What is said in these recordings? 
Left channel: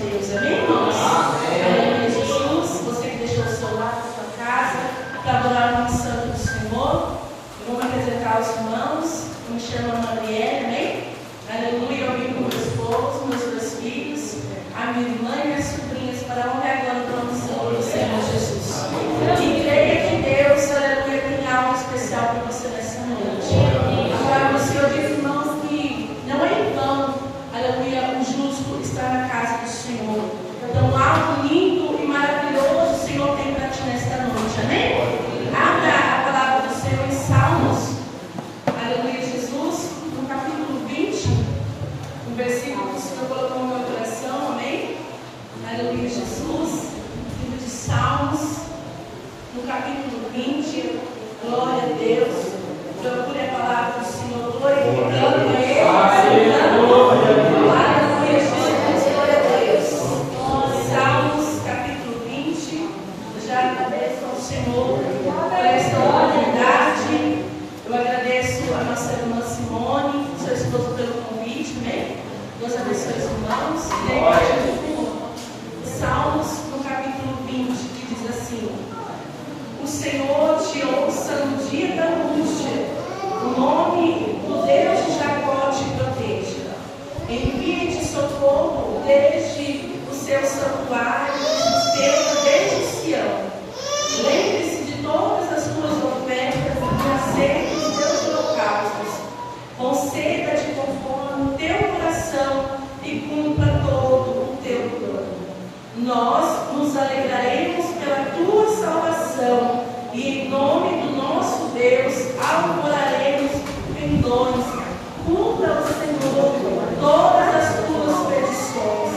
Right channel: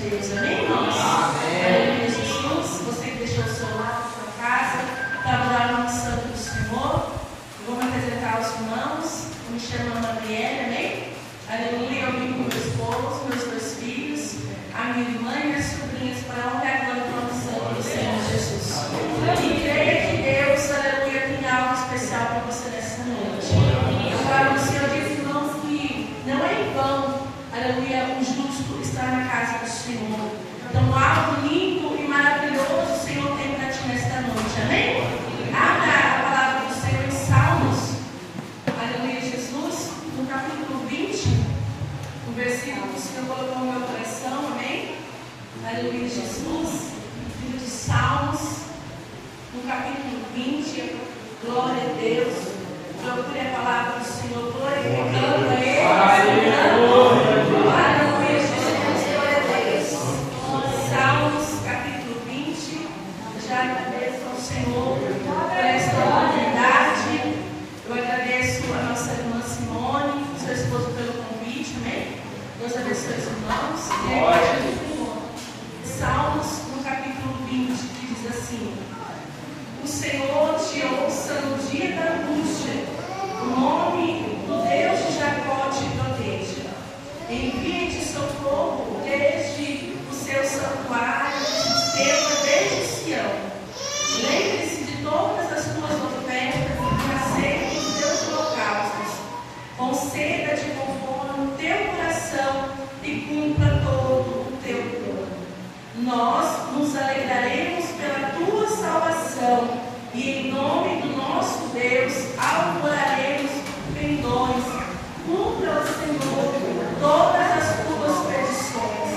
Deus. Amém, irmãos? Aleluia, Jesus. Você que deixou o seu lar, a sua casa, para adorar o nome santo do Senhor. Eu vou me apresentar aos irmãos. Eu me chamo Ana Gabriela, amém? Aleluia, eu vim com meu esposo, meus dois filhos, a minha irmã e minhas sobrinhas, para a honra e glória do nome santo do Senhor Jesus. E creio que Deus, aleluia, tem algo especial para você nessa noite. Agora, o Senhor diz, irmãos, que não é em vão, aleluia, o justo está na casa do Senhor. Então, algo lindo e maravilhoso o Senhor tem para ti nesta noite, amém? Abra a palavra do Senhor em Salmos, aleluia, Jesus, no capítulo 20, no versículo que o Senhor colocou no meu coração, amém? Aleluia, Jesus, livro de Salmos, no capítulo 20, glória a Deus, procure a palavra do Senhor, glorificando Ele, aleluia, Jesus, glória a Deus. Salmos, capítulo 20, já agradeço ao Senhor por esta oportunidade. Eu agradeço a nossa irmã Simone, seu esposo, pelo convite, amém? Deus abençoe os irmãos. Salmos, no capítulo 20, que diz assim: o Senhor te ouça no dia da angústia, o nome do Deus de Jacó te proteja. Envie-te socorro desde o seu santuário, sustenta desde Sião. Lembre-se de todas as tuas ofertas e aceite os teus holocaustos. Conceda-te conforme o teu coração e cumpra todo o teu plano. Nós nos alegraremos pela tua salvação e em nome do nosso Deus alvoraremos pendões. Cumpra o Senhor todas as tuas petições.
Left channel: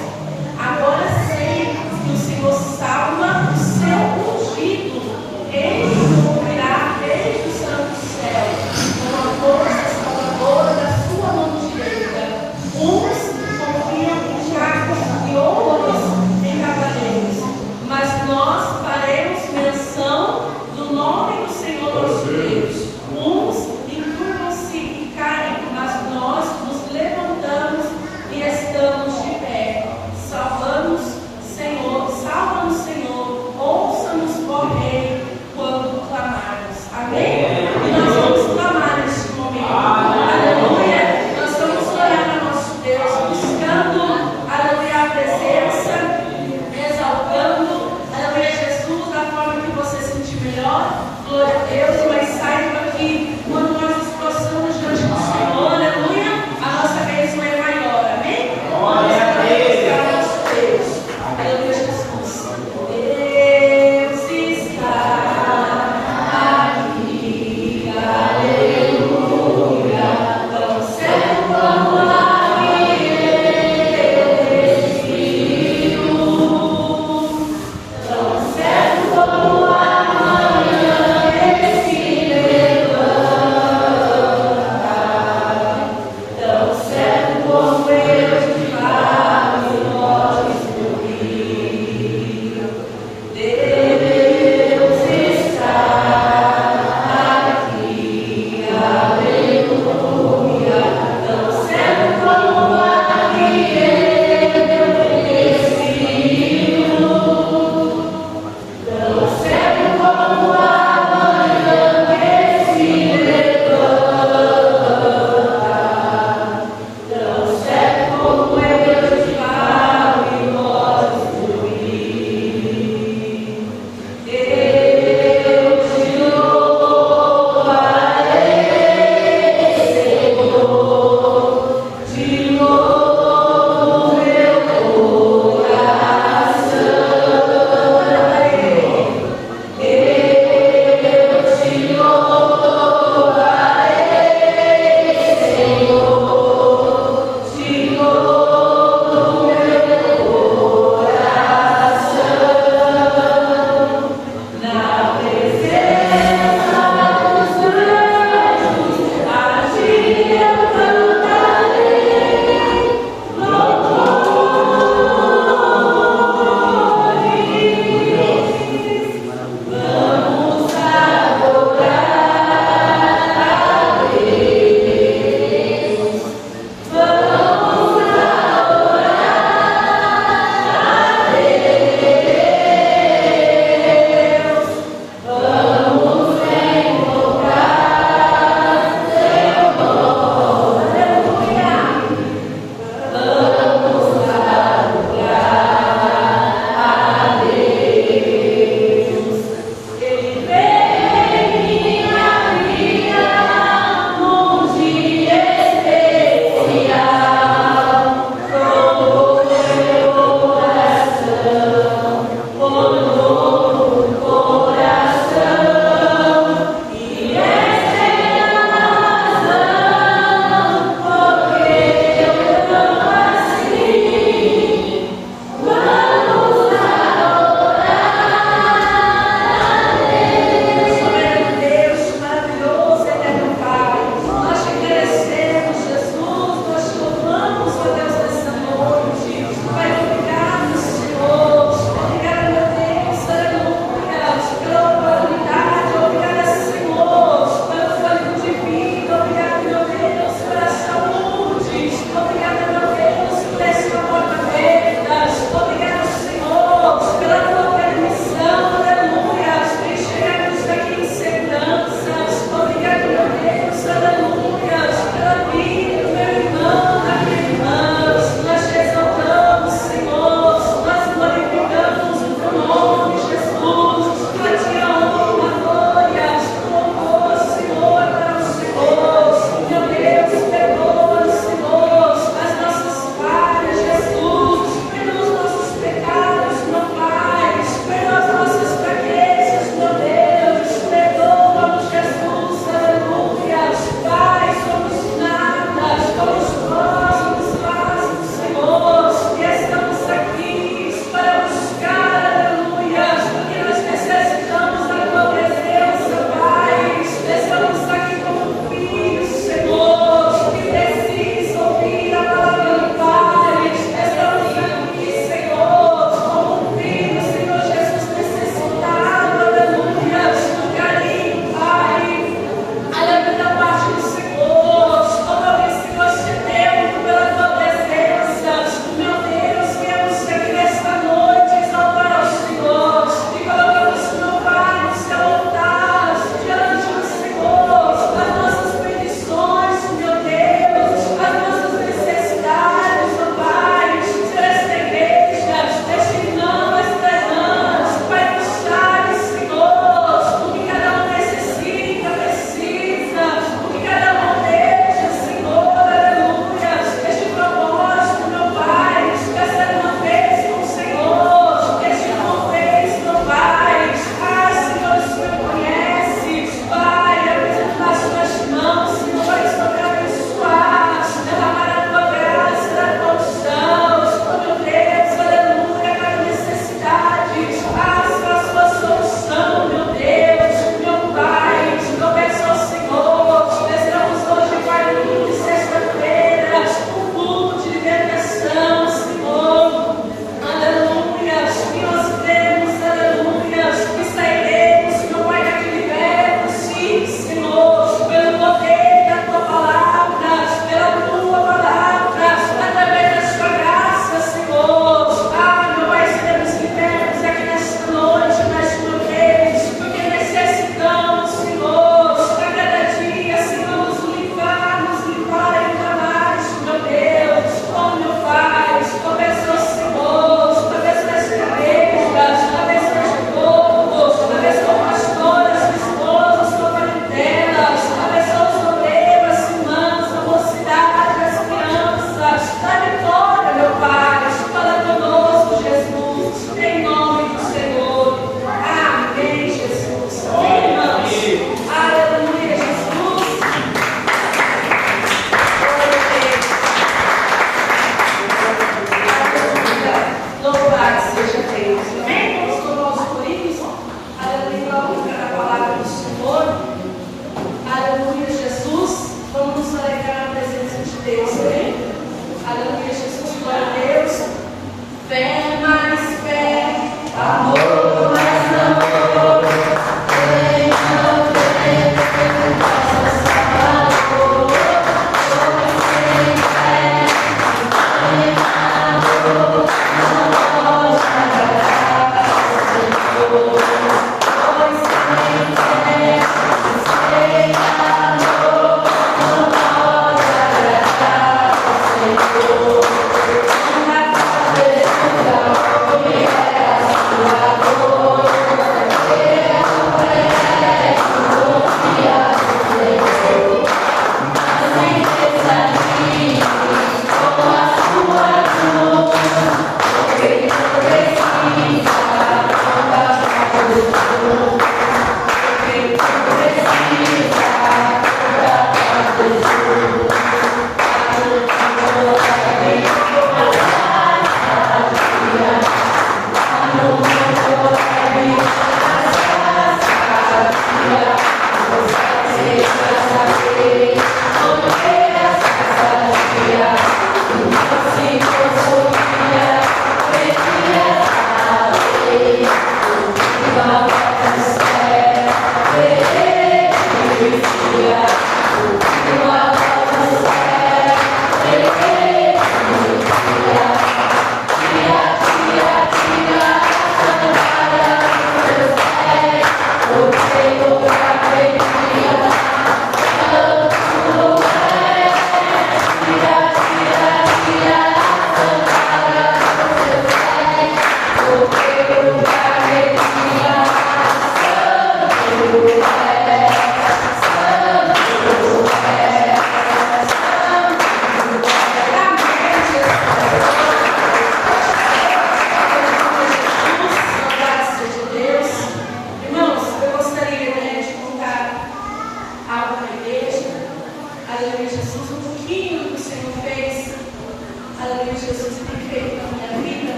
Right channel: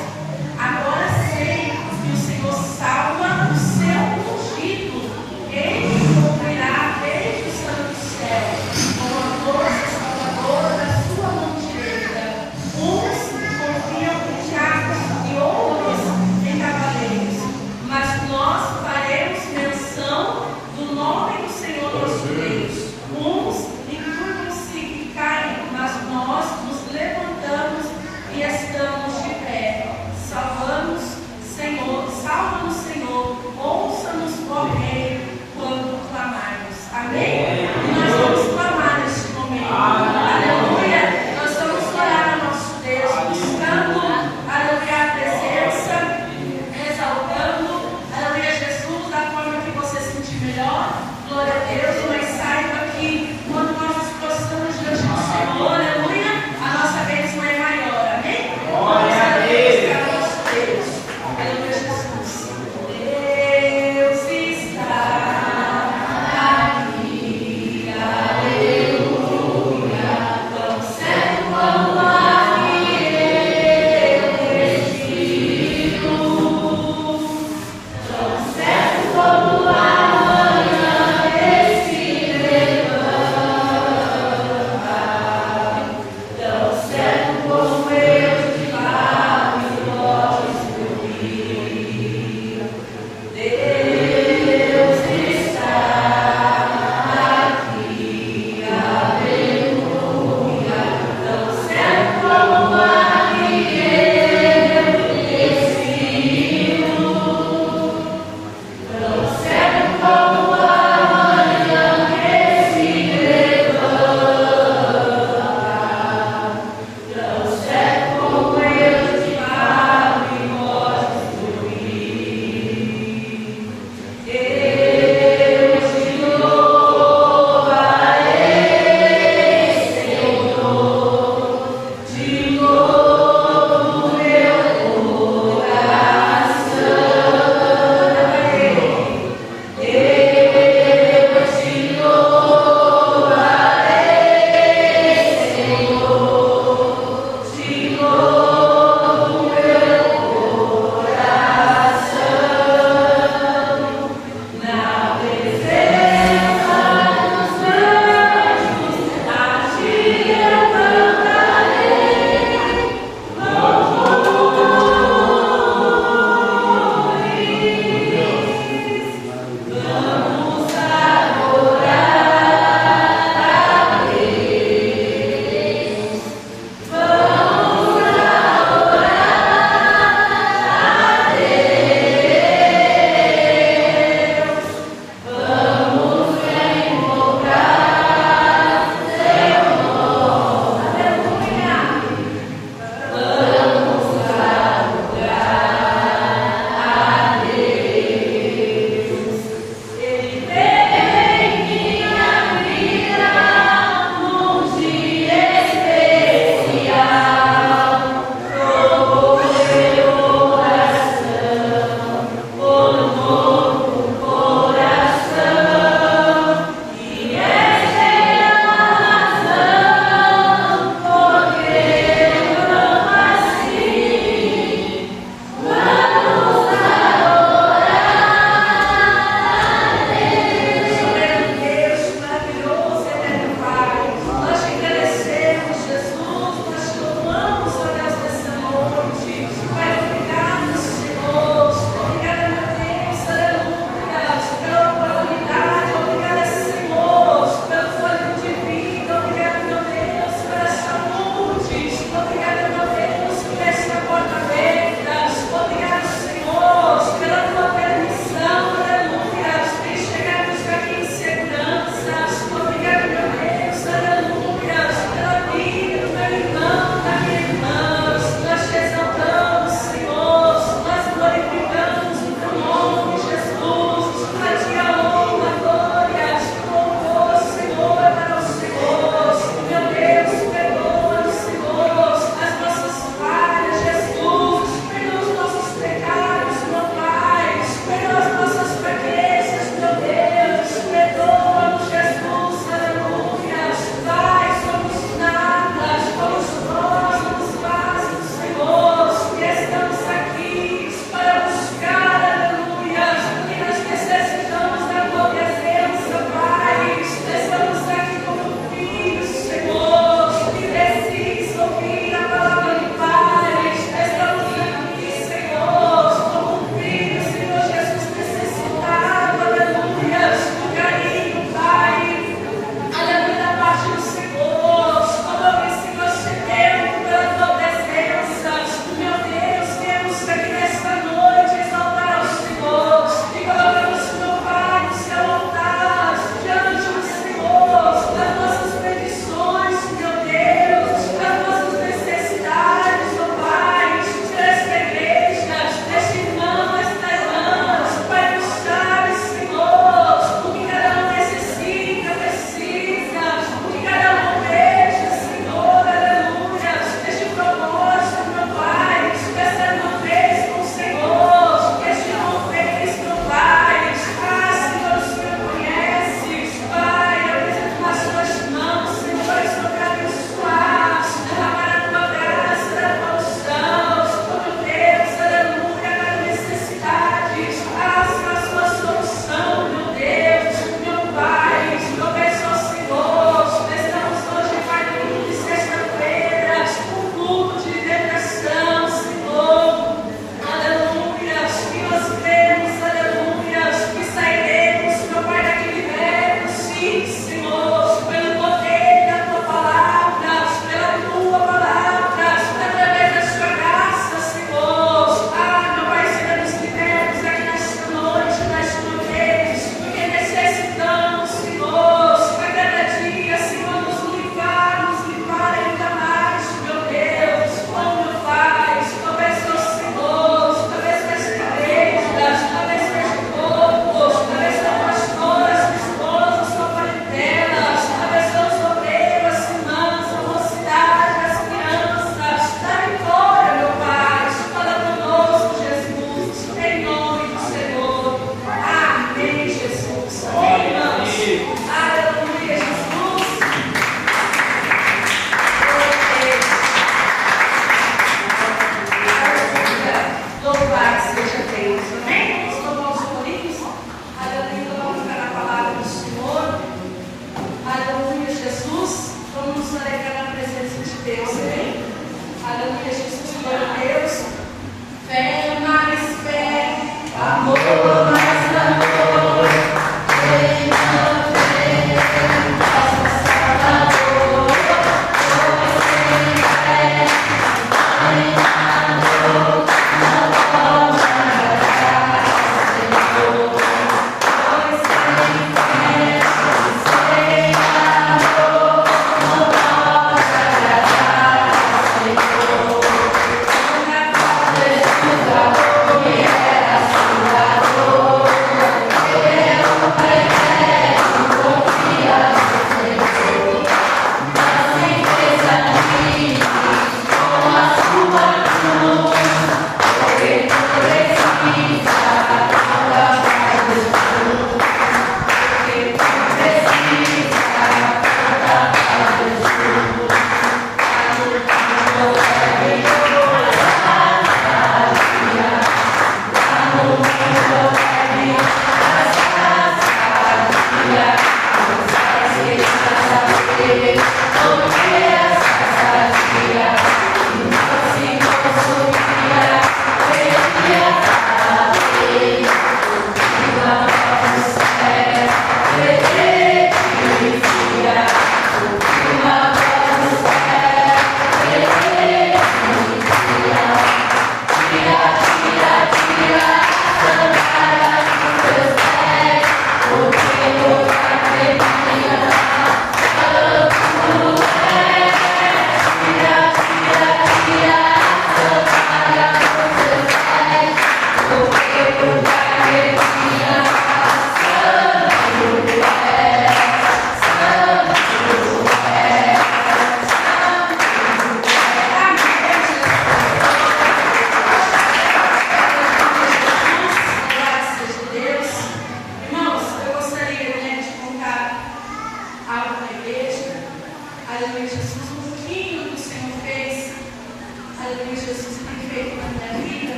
Agora sei que o Senhor salva o seu ungido. Ele cumprirá desde o santo céu com a força salvadora da sua mão direita. Uns confiam em carros e outros em cavaleiros, mas nós faremos menção do nome do Senhor nosso Deus.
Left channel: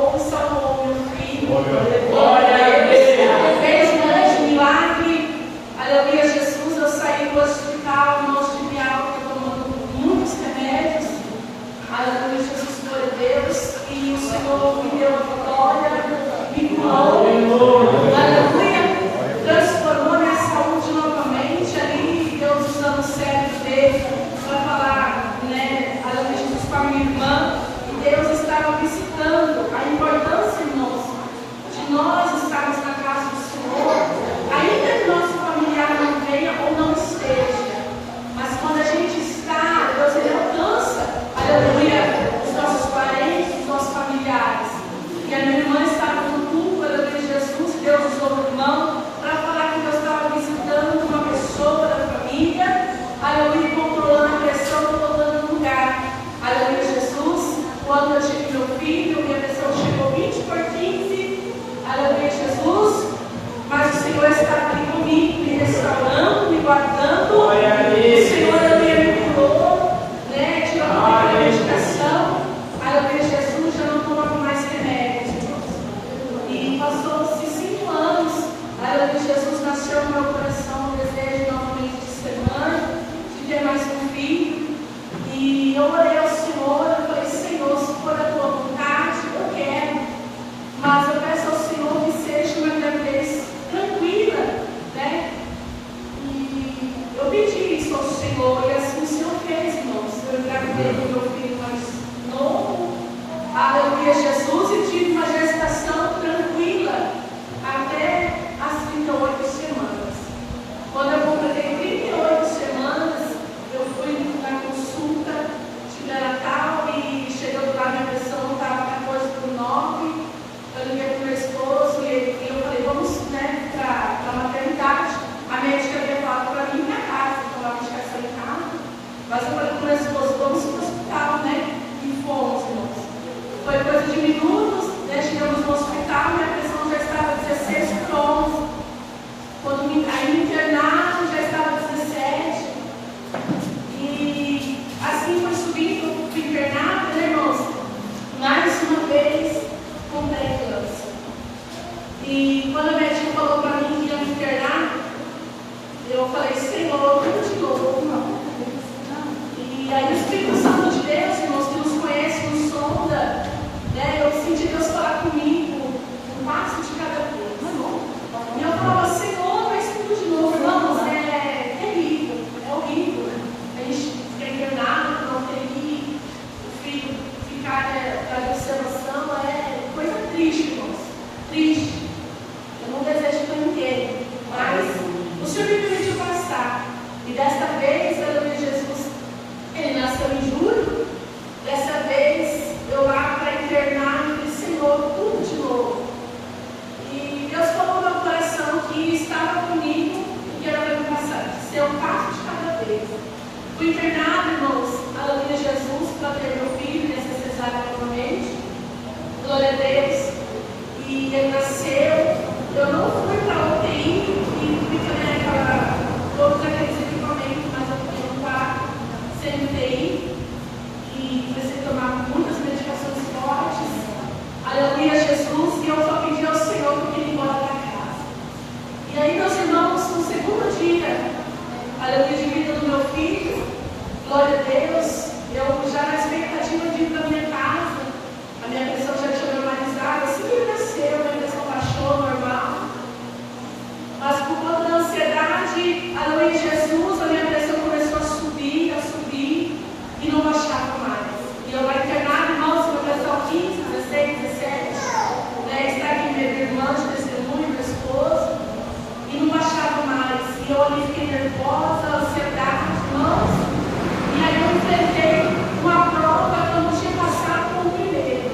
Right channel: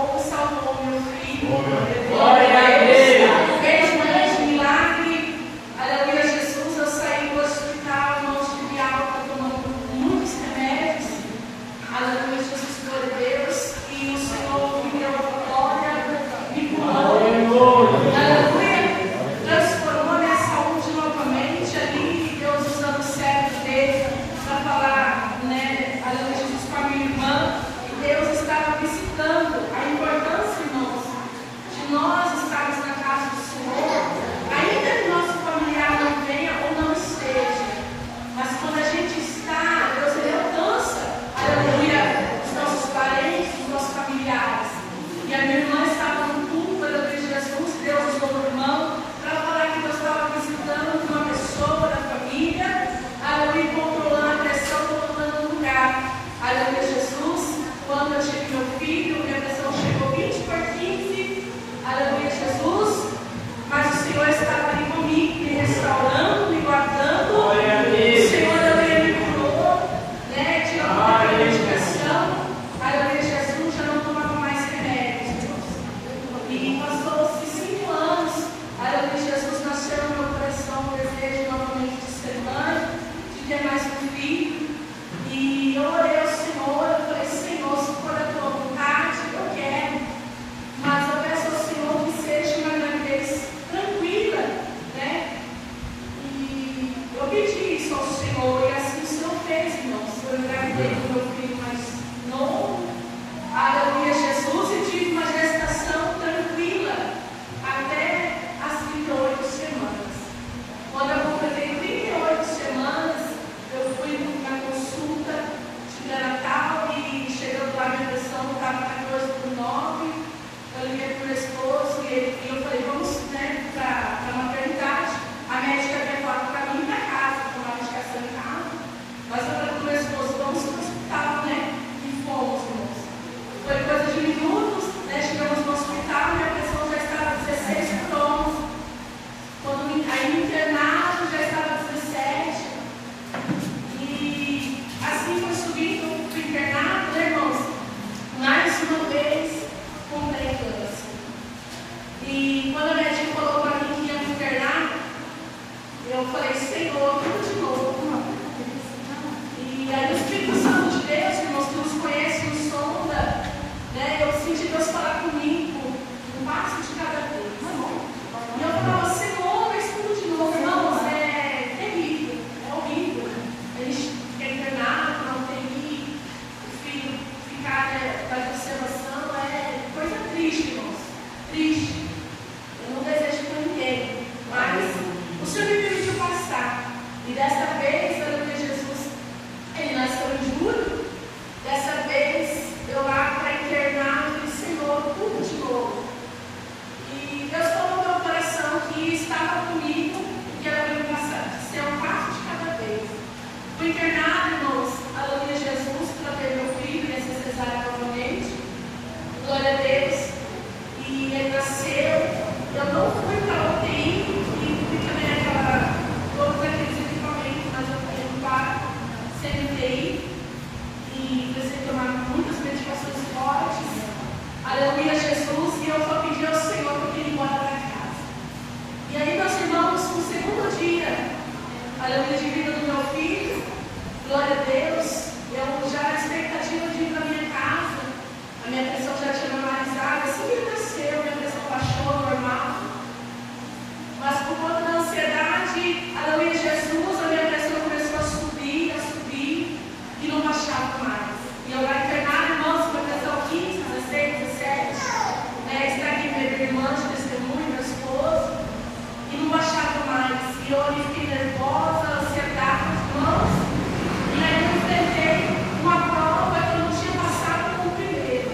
tocou e salvou meu filho. Glória a Deus. Fez um grande milagre. Aleluia, Jesus. Eu saí do hospital, não tive alta, tomando muitos remédios. Aleluia, Jesus, glória a Deus. E o Senhor me deu a vitória, me curou. Aleluia. Transformou minha saúde novamente. Ali, Deus usando o cérebro dele para falar, né? Aleluia, Jesus, com a minha irmã. E Deus estava visitando a importância, irmãos, de nós estarmos na casa do Senhor, ainda que nosso familiar não venha ou não esteja. Mas quando a gente está, Deus ele alcança, aleluia, os nossos parentes, os nossos familiares. E a minha irmã estava no culto, aleluia, Jesus, e Deus usou o irmão para falar que Deus estava visitando uma pessoa da família, aleluia, controlando a pressão, voltando no lugar. Aleluia, Jesus. Quando eu tive meu filho, minha pressão chegou 20/15. Aleluia, Jesus. Mas o Senhor estava ali comigo, me restaurando, me guardando. O Senhor, aleluia, me curou, né? Tirando a medicação. Aleluia, Jesus, já não tomava mais remédios, irmãos. E passou-se 5 anos. Aleluia, Jesus, nasceu no meu coração o desejo novamente de ser mãe, de ter mais um filho. E eu orei ao Senhor, eu falei, Senhor, se for a tua vontade, eu quero. Mas eu peço ao Senhor que seja uma gravidez tranquila, né? E eu pedi isso ao Senhor, e assim o Senhor fez, irmãos. Eu engravidei do meu filho mais novo, aleluia, Jesus, e tive uma gestação tranquila até as 38 semanas. Quando eu completei 38 semanas, eu fui na consulta de Natal e chegando lá, minha pressão não estava na coisa por 9. Eu liguei para o meu esposo e eu falei, vamos, né, para a maternidade. A médica havia falado para mim ir para casa, tomar medicação em casa. Mas eu falei para o meu esposo, vamos para o hospital, né? E fomos, irmãos. Foi coisa de minutos, né? Chegamos no hospital, minha pressão já estava 16/11. Quando aí no internato já estava 17. E assim foi subindo para o internato, né, irmãos? Mais uma vez, com pré-eclâmpsia. E quando a médica falou para mim que ia me internar, eu falei, Senhor, tudo de novo, irmão. E aí o Espírito Santo de Deus, irmãos, que nos conhece, nos sonda, né? Eu senti Deus falar comigo, um passo de cada vez. E eu falava, Senhor, mas tudo de novo, irmãos, é terrível, é horrível. A gente fica internado, não tem que o filho ficar, né, para observação, é coisa triste, irmãos, triste. Eu não desejo para ninguém, mas o Senhor me permitiu passar. E desta vez, aleluia, Jesus, ele nasceu em julho. Dessa vez, eu lá para internar, e falei, Senhor, tudo de novo. E Deus falou no meu coração que estava comigo e que era para me passar, ser um passo de cada vez. Fui internado, irmãos, aleluia, Jesus, para ter meu filho nessa cesárea novamente. Glória a Deus. E ele nasceu. Eu não fui para a UTI e fui também todos aqueles equipamentos, mas eu fiquei no quarto sem UTI. E precisei tomar muitas medicações fortes. Aleluia, Jesus. E eu só pedi ao Senhor que eu queria ir embora para casa. E aí, meus irmãos, no segundo dia, aleluia, de vida do meu filho, glória a Deus, eu já na expectativa de ir para minha casa, a minha pressão já tinha normalizado. Assim que ele nasceu, minha pressão baixou, normal. Mas por conta da ansiedade, aleluia, Jesus, a minha pressão começou a subir, e não baixava mais. E eu era internado, irmãos, com pressão 15, 16, 17. Está aqui minha irmã de testemunho, meu esposo, e não baixava mais. E eu ali fiquei nervosa, ansiedade, irmãos. E aí eu enfrentei uma prova que eu não tinha passado como primeiro.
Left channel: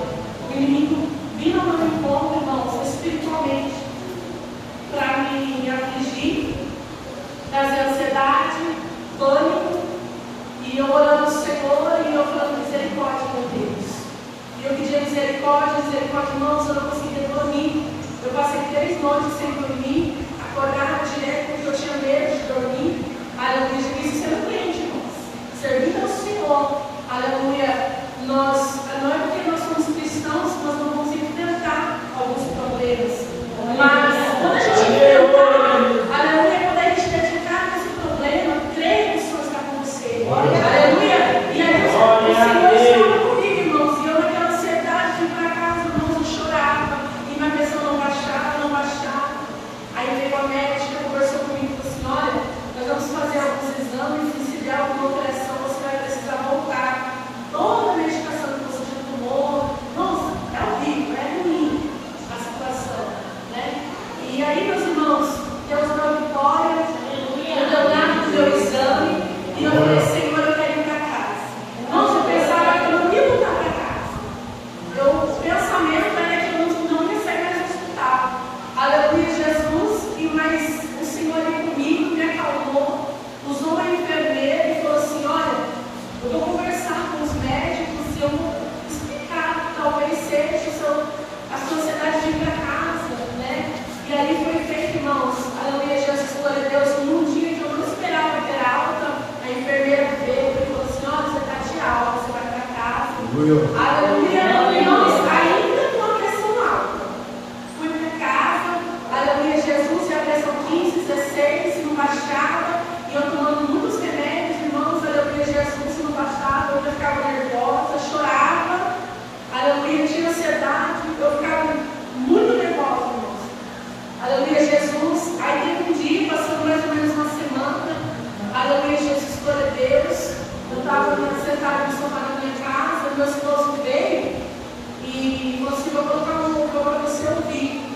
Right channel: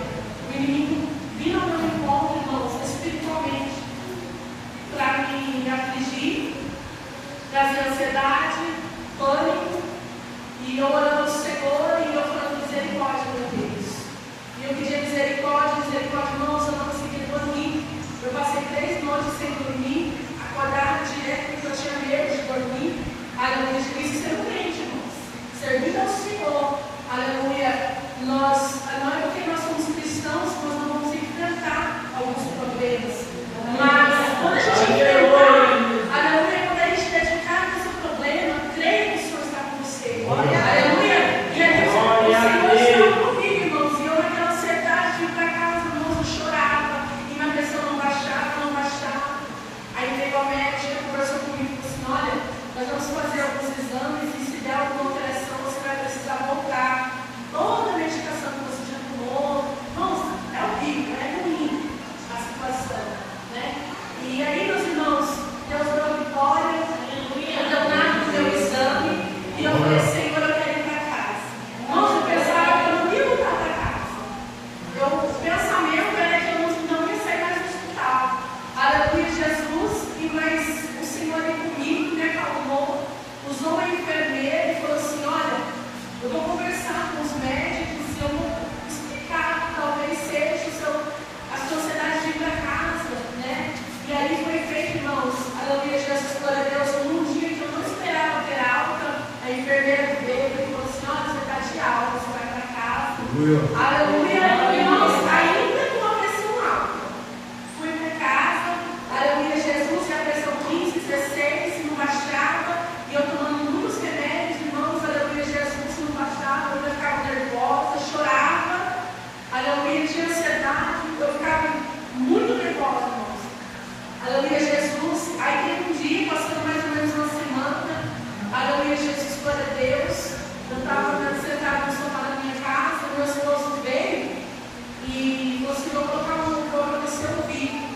O inimigo vindo ao meu encontro, irmãos, espiritualmente, para me afligir, trazer ansiedade, pânico. E eu orando ao Senhor e eu falando misericórdia, meu Deus. E eu pedia misericórdia, irmãos, eu não conseguia dormir. Eu passei 3 noites sem dormir, acordava direto porque eu tinha medo de dormir. Aleluia, isso sendo crente, irmãos. Servindo ao Senhor. Aleluia. Não é porque nós somos cristãos que nós não vamos enfrentar Aleluia, irmãos, ainda com a pressão alta. Fui para casa, aleluia, Jesus, e a pressão 15, 16, não baixava, e eu tomando muitos remédios, irmãos, aleluia, Jesus, não baixava, eu ficava nervosa, chorava, aleluia, tinha ansiedade, eu ficava muito nervosa, irmãos. Aleluia, Jesus. Aí teve um dia, passou mais ou menos uma semana, aleluia, Jesus, glória a Deus. Eu estava sentada no sofá da minha casa, meu esposo veio e falou assim: vou colocar um louvor para você ouvir.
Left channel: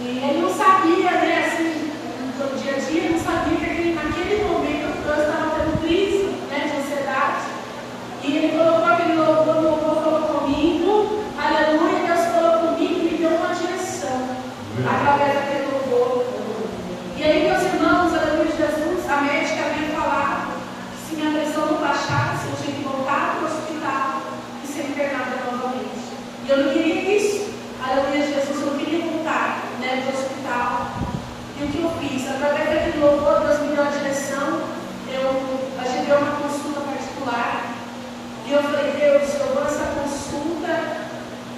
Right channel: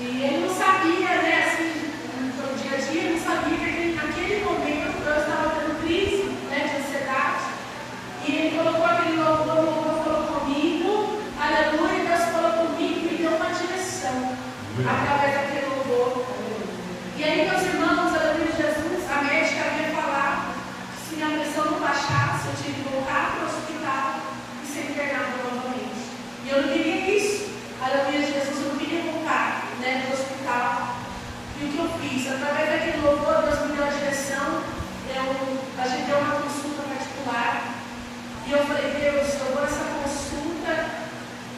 E ele não sabia, né, assim, no dia a dia, não sabia que naquele momento eu estava tendo crise, né, de ansiedade. E ele colocou aquele louvor, o louvor falou comigo, aleluia, Deus falou comigo e me deu uma direção através daquele louvor. E aí, meus irmãos, aleluia, Jesus, a médica havia falado que se minha pressão não baixasse, eu tinha que voltar para o hospital e ser internada novamente. E eu não queria isso. Aleluia, Jesus, eu não queria voltar, né, para o hospital. E o que eu fiz? Através daquele louvor, Deus me deu a direção. A gente deu uma consulta particular. E eu falei: Deus, eu vou nessa consulta.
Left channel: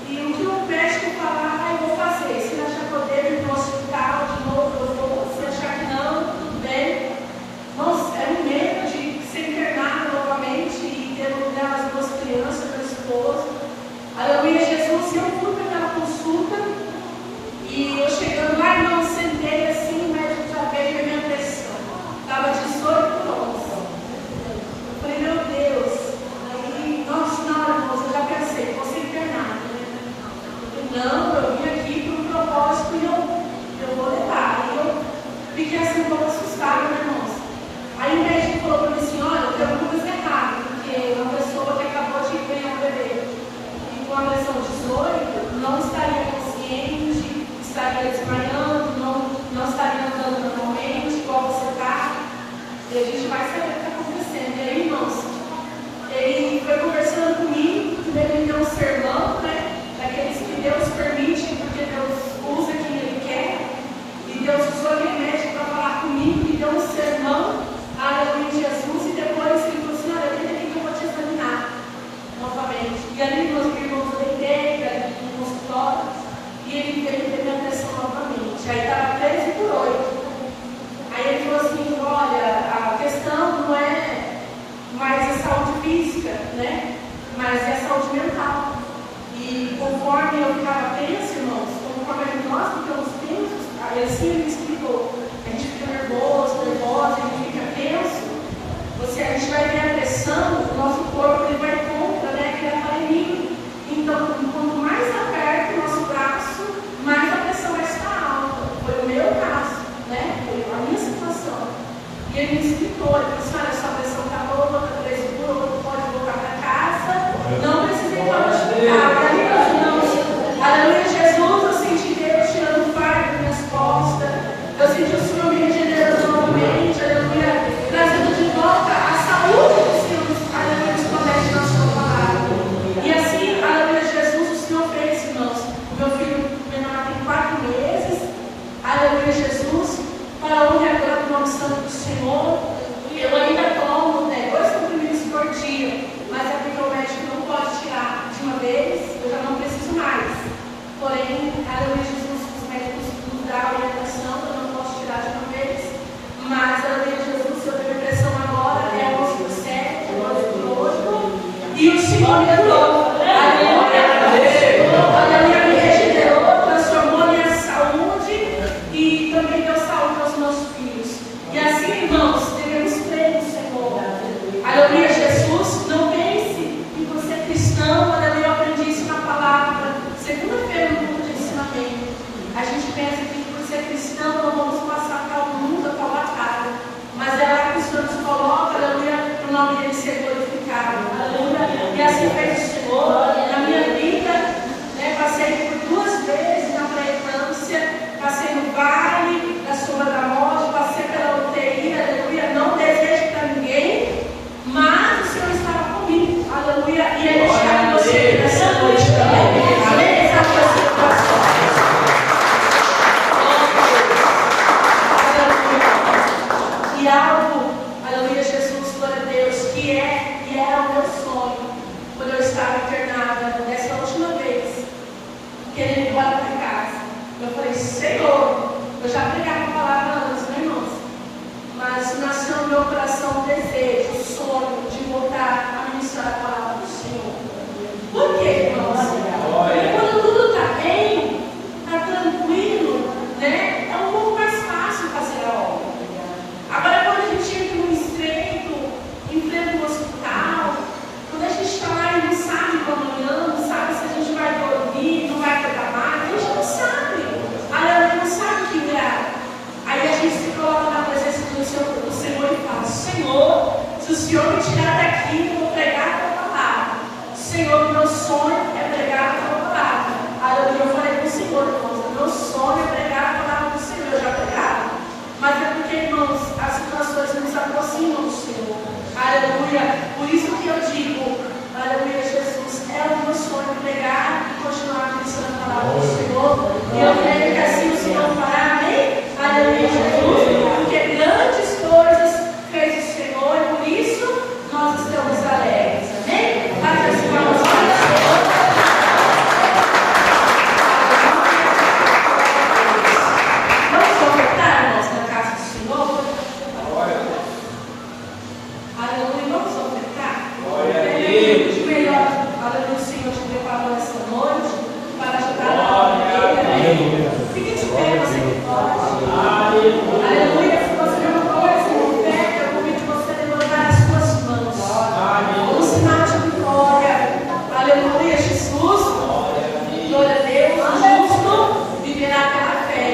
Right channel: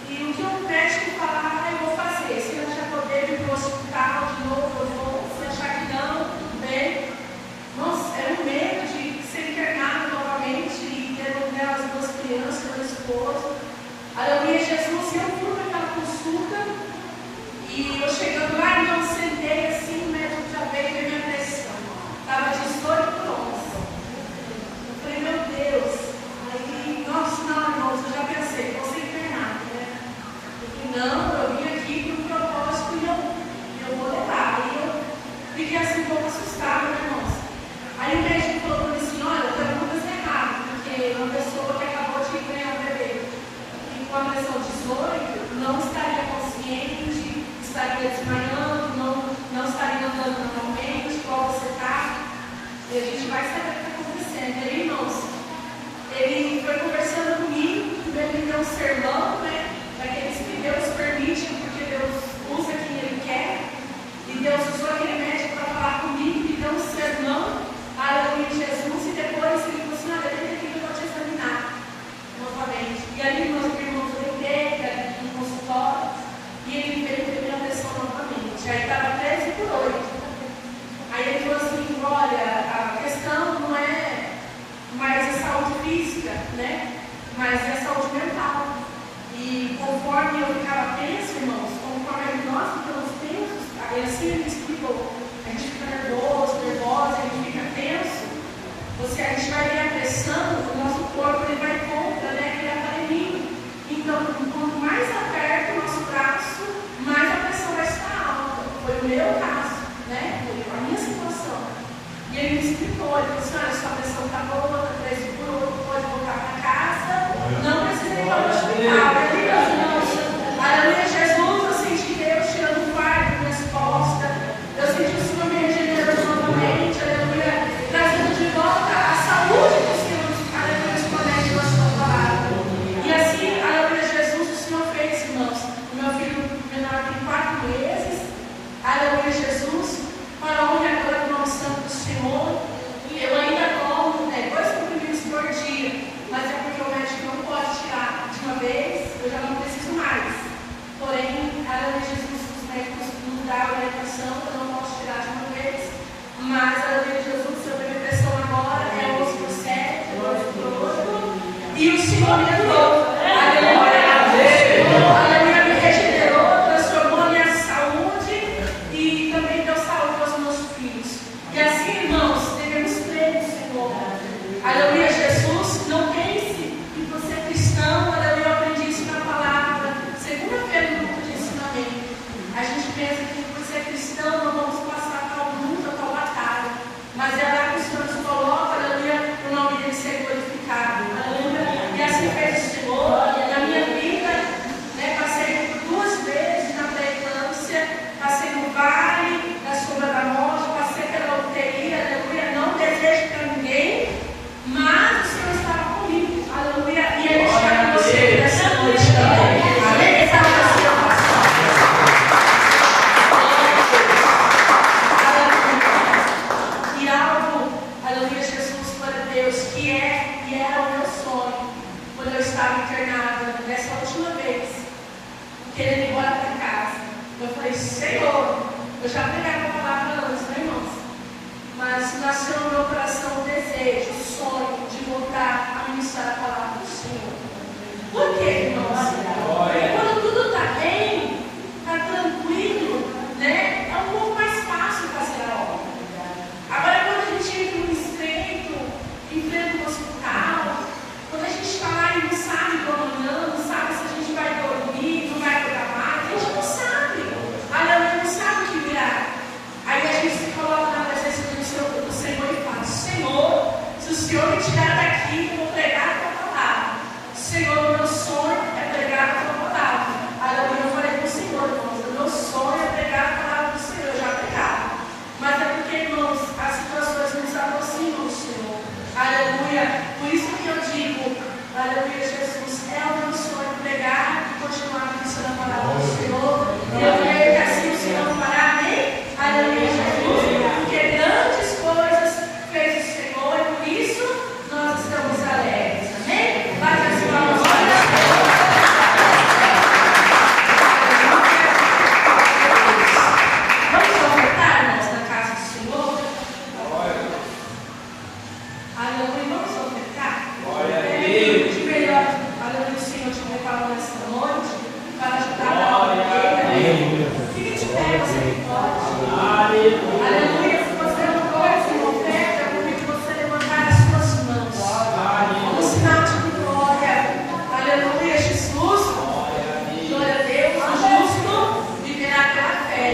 E o que o médico falar, eu vou fazer. Se ele achar que eu devo ir para o hospital de novo, eu vou. Se achar que não, tudo bem. Nossa, era um medo de ser internado novamente e ter lugar as duas crianças, meu esposo. Aleluia, Jesus. E eu fui para aquela consulta. E eu chegando lá, não sentei assim, o médico já veio ver minha pressão. Estava 18 por 11. Eu falei: meu Deus. Aí, nossa, não, irmãos, eu já pensei, vou ser internado, né? Eu falei: não, eu vim aqui para um propósito e eu vou levar. Aí eu fiquei assim um pouco assustada, né, irmãos? Aí o médico falou para mim assim: olha, tem alguma coisa errada, porque uma pessoa que acabou de ganhar um bebê e com a pressão 18 não estaria consciente, estaria desmaiando, não estaria andando normalmente, igual você está. E a gente vai saber o que está acontecendo. E aí, irmãos, ele foi conversando comigo, primeiro ele deu um sermão, né? Daqueles que Deus permite, porque Deus usa quem Ele quer. E Deus usou aquele médico para falar comigo, e deu um sermão, aleluia, Jesus. E depois ele falou assim: olha, vem aqui que eu vou te examinar novamente. E ali, meus irmãos, eu entrei no consultório, e ele veio ver minha pressão novamente. Aí estava 13 por 8. Aí ele falou assim: olha, a questão não é mais a saúde física, né? Mas é a saúde mental. E conforme eu ficava tenso, irmãos, conforme nós ficamos tensos, ele assim me explicou: a gente fica nervosa, a gente fica tenso, a gente vai ter a pressão, o nosso corpo ele vai contra, né, aquele aparelhinho. Então, quanto mais aperto o nosso braço, mais a pressão vai estar alta. Foi o meu caso, né? Foi a minha situação. E ele me explicou: ele falou assim: olha, sua pressão está boa, 13 por 8, pode voltar para casa, não precisa ir para o hospital. Aleluia, Jesus, eu senti Deus tirando o fardo das minhas costas, eu senti o Senhor me regenerando novamente, aleluia, trazendo de volta a saúde que o Senhor, aleluia, nos promete na sua palavra. E assim, aleluia, Jesus, o Senhor fez, irmãos. O meu filho menor tem 4 meses, aleluia, Jesus, para a honra e a glória do nome santo do Senhor. Eu ainda tomo 2 comprimidos por dia, mas é porque o médico não pode tirar de uma vez, eu já não preciso mais. Porém, aleluia, Jesus, os médicos nos dão a orientação, eu não posso tirar de uma vez. Mas, aleluia, Jesus, se eu tenho pressão agora, é 11 por 7, 12 por 8. E o Senhor me levou. Aleluia, aleluia, me regenerou, transformou a minha saúde e também deu saúde aos meus filhos. E assim, irmãos, devemos crer no Senhor. Aleluia, Jesus, não pense que você é cristão, aleluia, eu aprendi isso na palavra. Segunda-feira no grupo de ensinamento, a gente pensa que por ser cristão não vamos passar tal luta, tal batalha. Mas é lá que o Senhor nos coloca, aleluia, para o nome dele ser glorificado. Aleluia. E assim fez o Senhor. Na minha vida, né, passei por 2 vezes na pré-eclâmpsia, passei no vale da sombra da morte, passei pela UTI, aleluia, não desejo para ninguém, mas o Senhor estava comigo, aleluia, e Ele está com você nessa noite também. Amém? Está com você no coração. E algo, aleluia, Jesus, glória a Deus, que é e era o meu sonho. já pregava a palavra antes, né, irmãos? Mas nasceu no meu coração o desejo, o sonho de voltar a ministrar a palavra do Senhor. Por quê, irmãos? Porque quando tudo está bem, está tranquilo, né? É um pouco mais fácil fazer a obra. Agora, quando a gente entra num estreito, enfrenta um hospital, quando a gente está lá e não sabe para amanhã, não sabe se a gente vai dormir, não vai pegar mais, a gente não sabe. A não sabe o que virá. Aí a gente se coloca na presença do Senhor e fala: Senhor, se o Senhor me tirar daqui, eu vou pregar a tua palavra. Senhor, meu sonho é pregar a tua palavra. Aí eu falei para o Senhor, irmãos, meu sonho é pregar a palavra do Senhor. Eu já pregava. Mas é porque, irmãos, as situações nos aproximam do Senhor. Aleluia. Por isso que eu digo, aleluia, Jesus, é o meu sonho pregar e continuar ministrando a palavra do Senhor. Eu creio que assim o Senhor fará, amém? Aleluia, Jesus. Porque grandes coisas fez o Senhor e por isso nós estamos alegres, amém? Mas assim vamos ofertar, irmãos, na casa do Senhor? Aleluia, vamos ofertar? Glória a Deus. De melhor, aleluia, o Senhor te preparou esta noite para ajudar na vida. Fique de pé, você que pode. Aleluia, se você não pode ser oferta, eu convido você a levantar as suas mãos. Um sinal de vitória. Aleluia, Jesus. Glória a Deus. O justo viverá pela fé.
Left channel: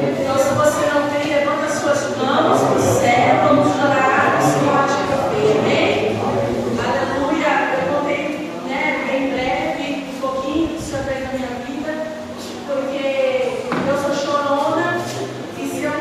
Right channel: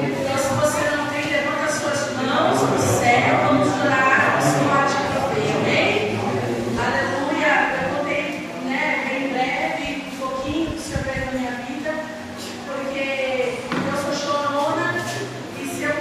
Então, se você não tem, levanta as suas mãos no céu. Vamos orar. O Senhor te proteja. Amém? Aleluia. Eu contei, né, em breve, um pouquinho do Senhor fez na minha vida, porque eu sou chorona e se eu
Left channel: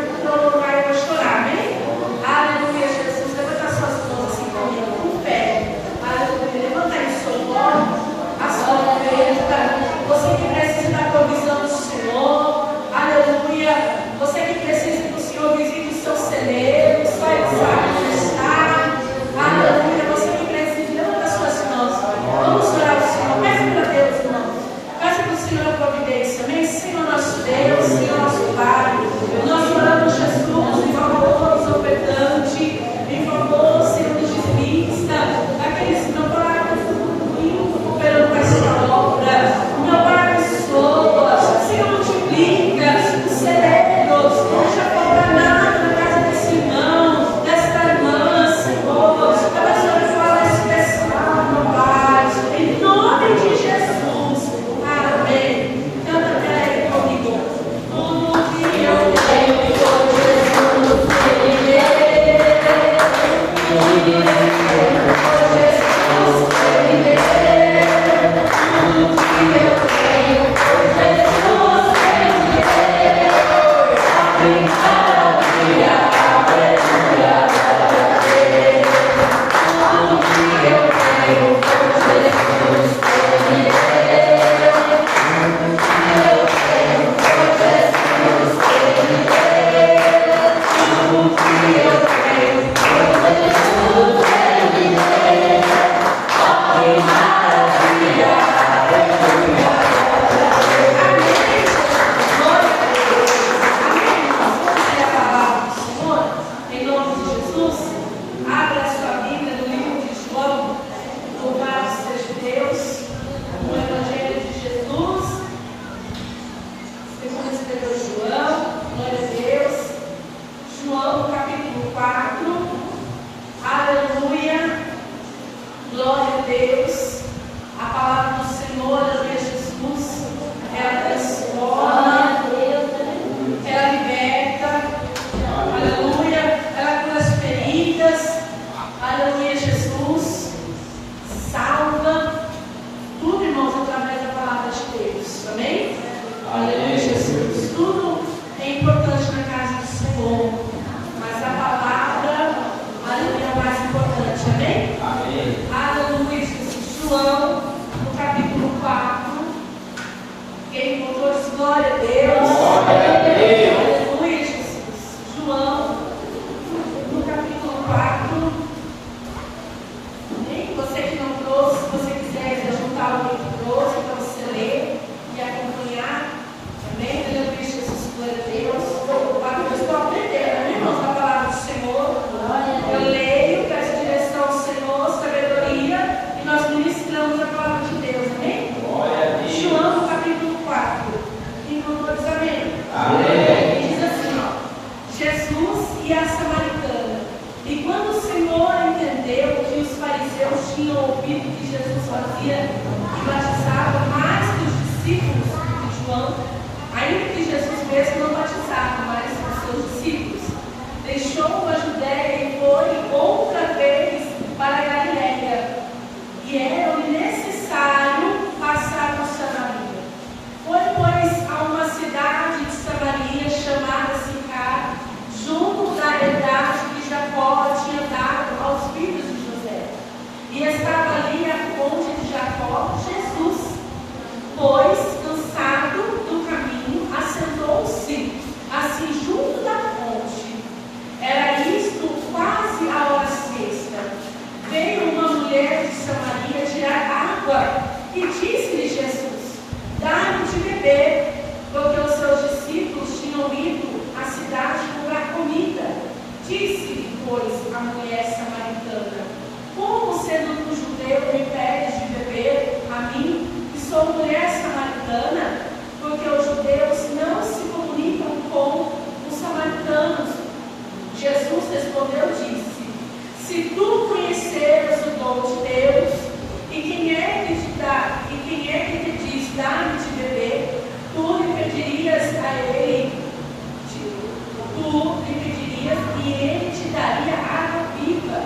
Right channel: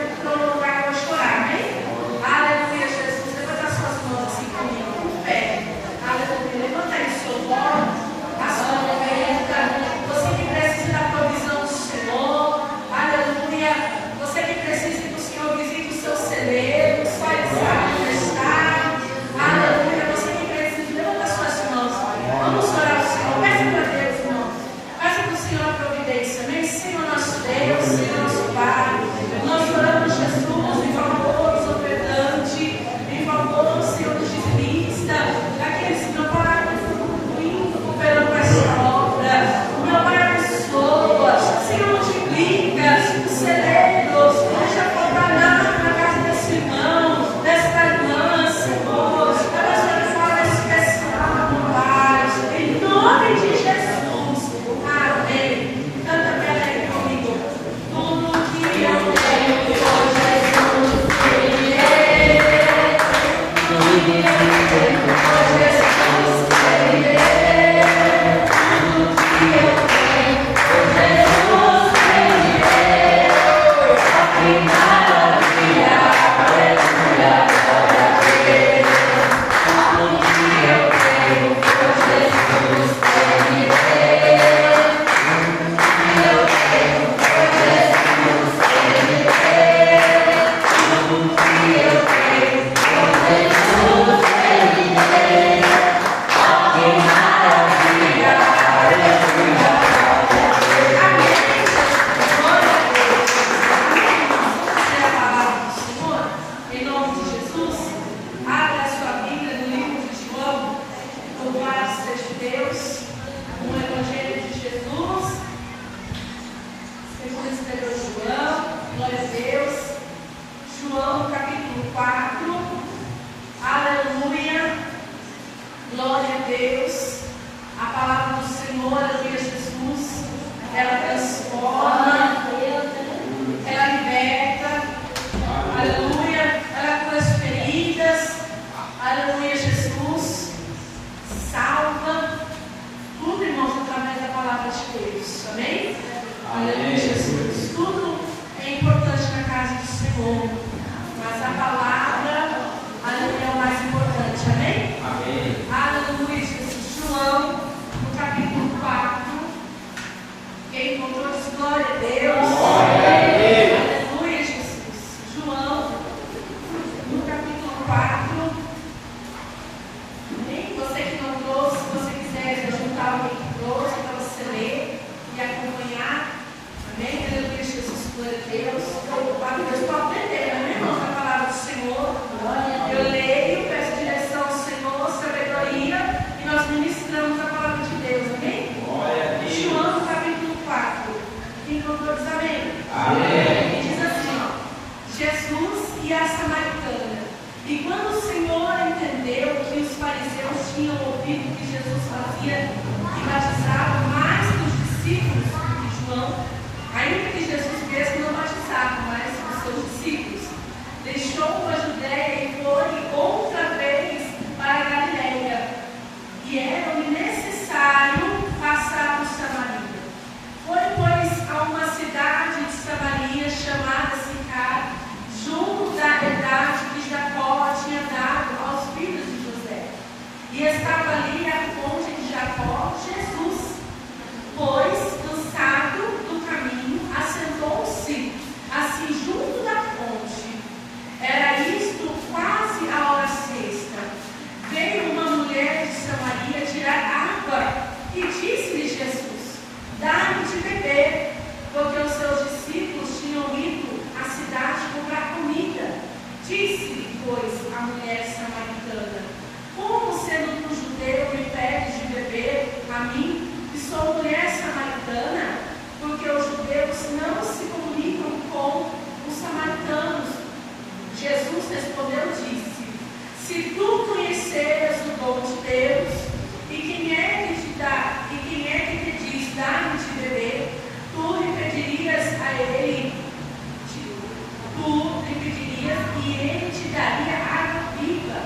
tinham ouvido que Jesus fazia e batizava mais que os discípulos de João, ainda que Jesus mesmo não batizava mais os seus discípulos, deixou a Judéia e foi outra vez para a Galileia, e era-lhe necessário passar por Samaria. Foi, pois, a uma cidade de Samaria chamada Sicar, junto da herdade que Jacó tinha dado aos filhos de José. E estava ali a fonte de Jacó, Jesus. Pois, cansado do caminho, assentou-se assim junto da fonte. Era isto quase a hora sexta. Veio uma mulher de Samaria tirar água e disse-lhe Jesus: dá-me de beber, porque os seus discípulos tinham ido à cidade comprar comida. Disse-lhe, pois, a mulher samaritana: como sendo tu judeu me pedes de beber a mim, que sou mulher samaritana? Porque os judeus não se comunicam com os samaritanos. Jesus respondeu e disse: se tu conheceras o dom de Deus, e quem é que te diz, dá-me de beber, tu lhe pedirias e ele te daria água viva.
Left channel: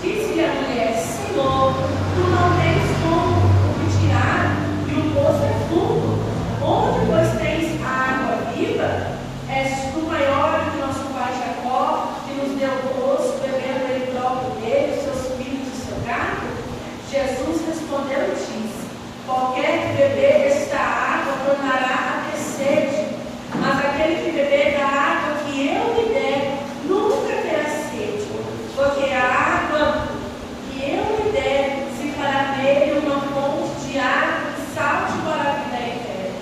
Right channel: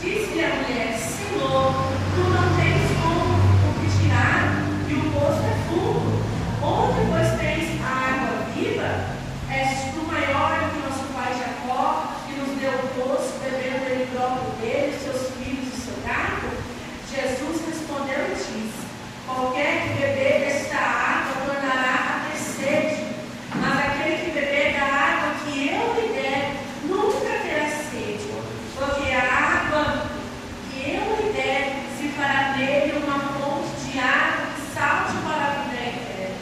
Disse-lhe a mulher: Senhor, tu não tens como me tirar, e o poço é fundo. Onde, pois, tens a água viva? És tu maior que nosso pai Jacó, que nos deu o poço, bebendo ele próprio dele, seus filhos e seu gado? Jesus respondeu e disse: qualquer que beber desta água tornará a ter sede, mas aquele que beber da água que eu lhe der nunca terá sede, porque a água que eu lhe der se fará nele uma fonte de água que salte para a vida eterna.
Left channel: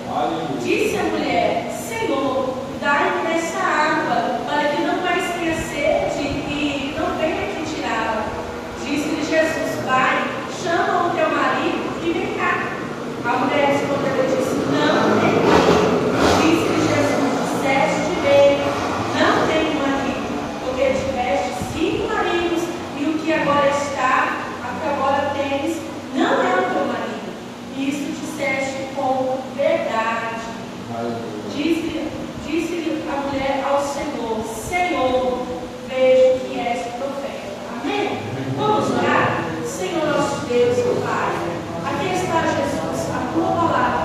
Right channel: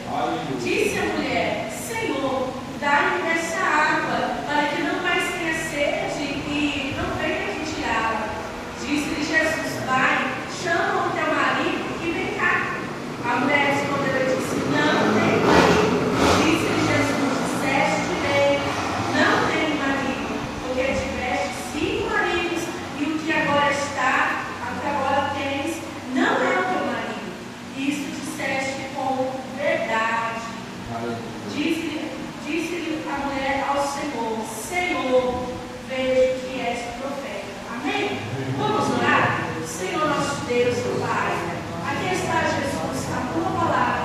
Disse a mulher: Senhor, dai-me dessa água, para que não mais tenha sede e não venha aqui tirá-la. Disse-lhe Jesus: vai, chama o teu marido e vem cá. A mulher respondeu e disse: não tenho marido. Disse-lhe Jesus: disseste bem, não tenho marido, porque tiveste 5 maridos, e o que agora tens, não é o teu marido. Isso disseste com verdade. Disse-lhe a mulher ao Senhor: Senhor, vejo que és profeta. Amém? Vamos orar? Senhor nosso Deus, Pai, aqui está Jesus, a tua palavra.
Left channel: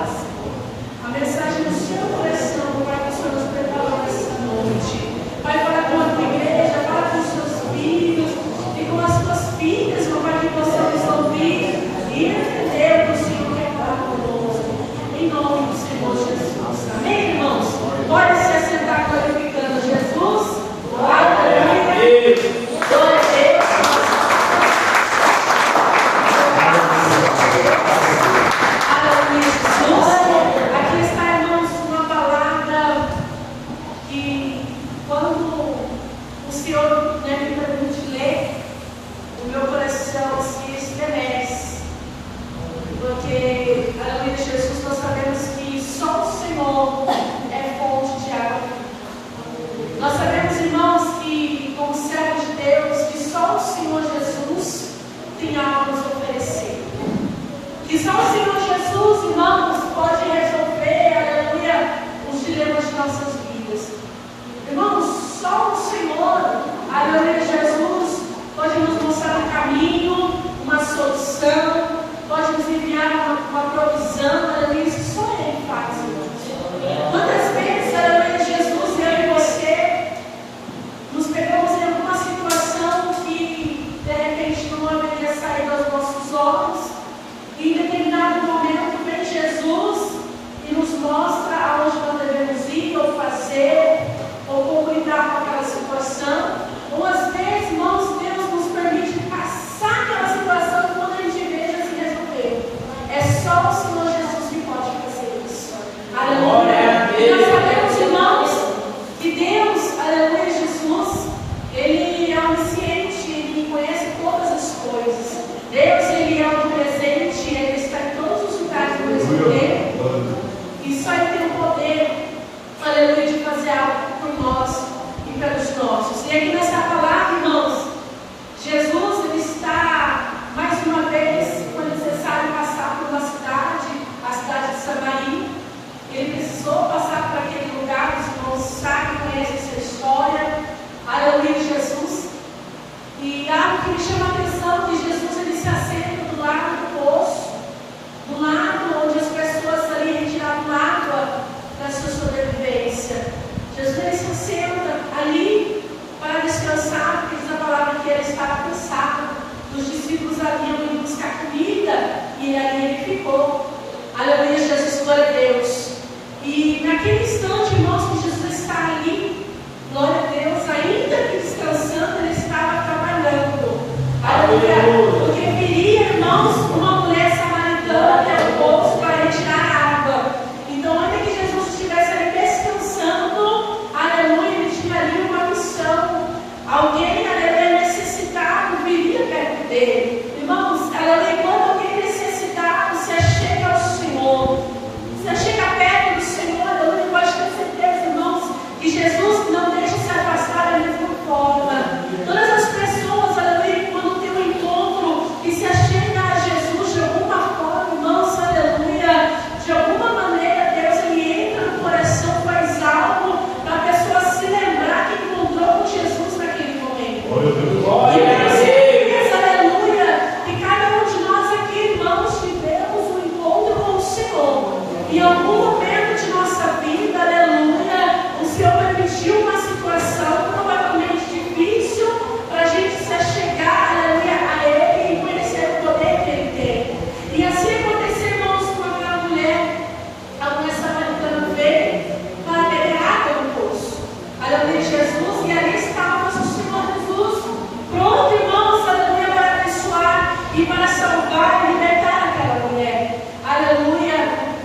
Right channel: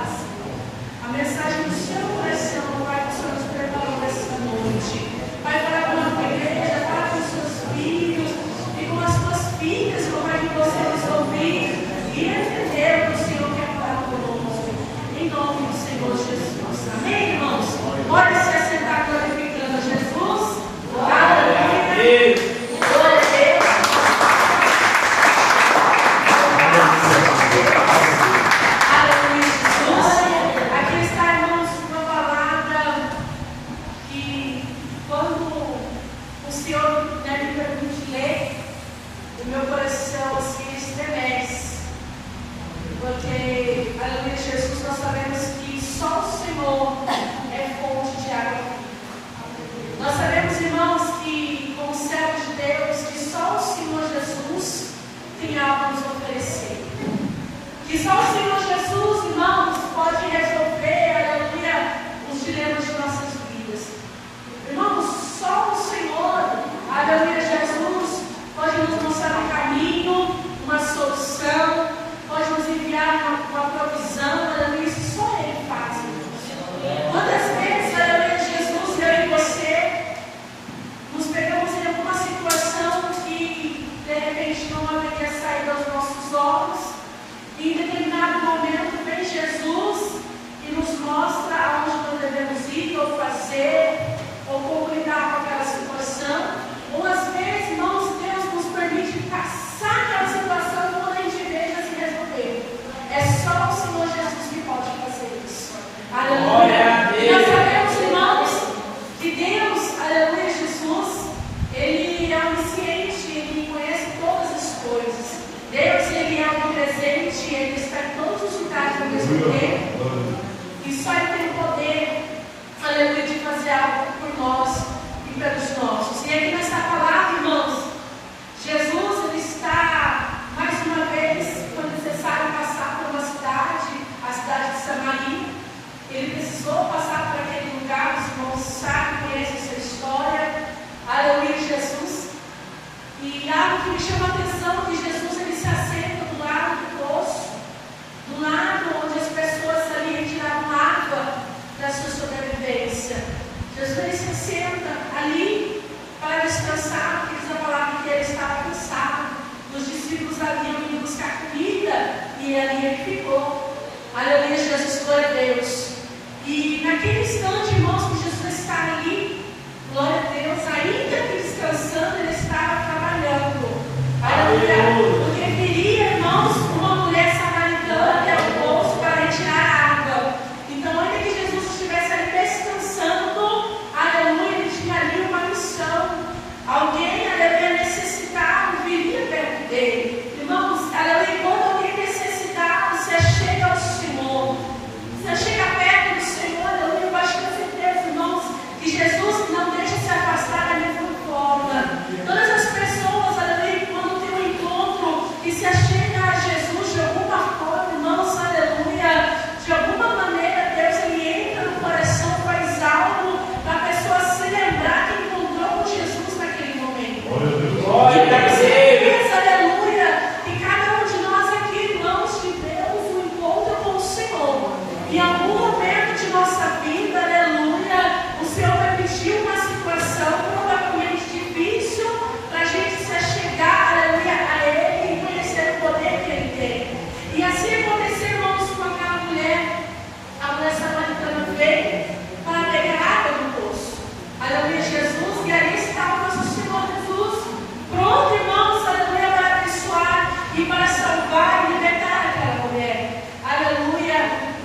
e para salvar e libertar aquela mulher. Aleluia.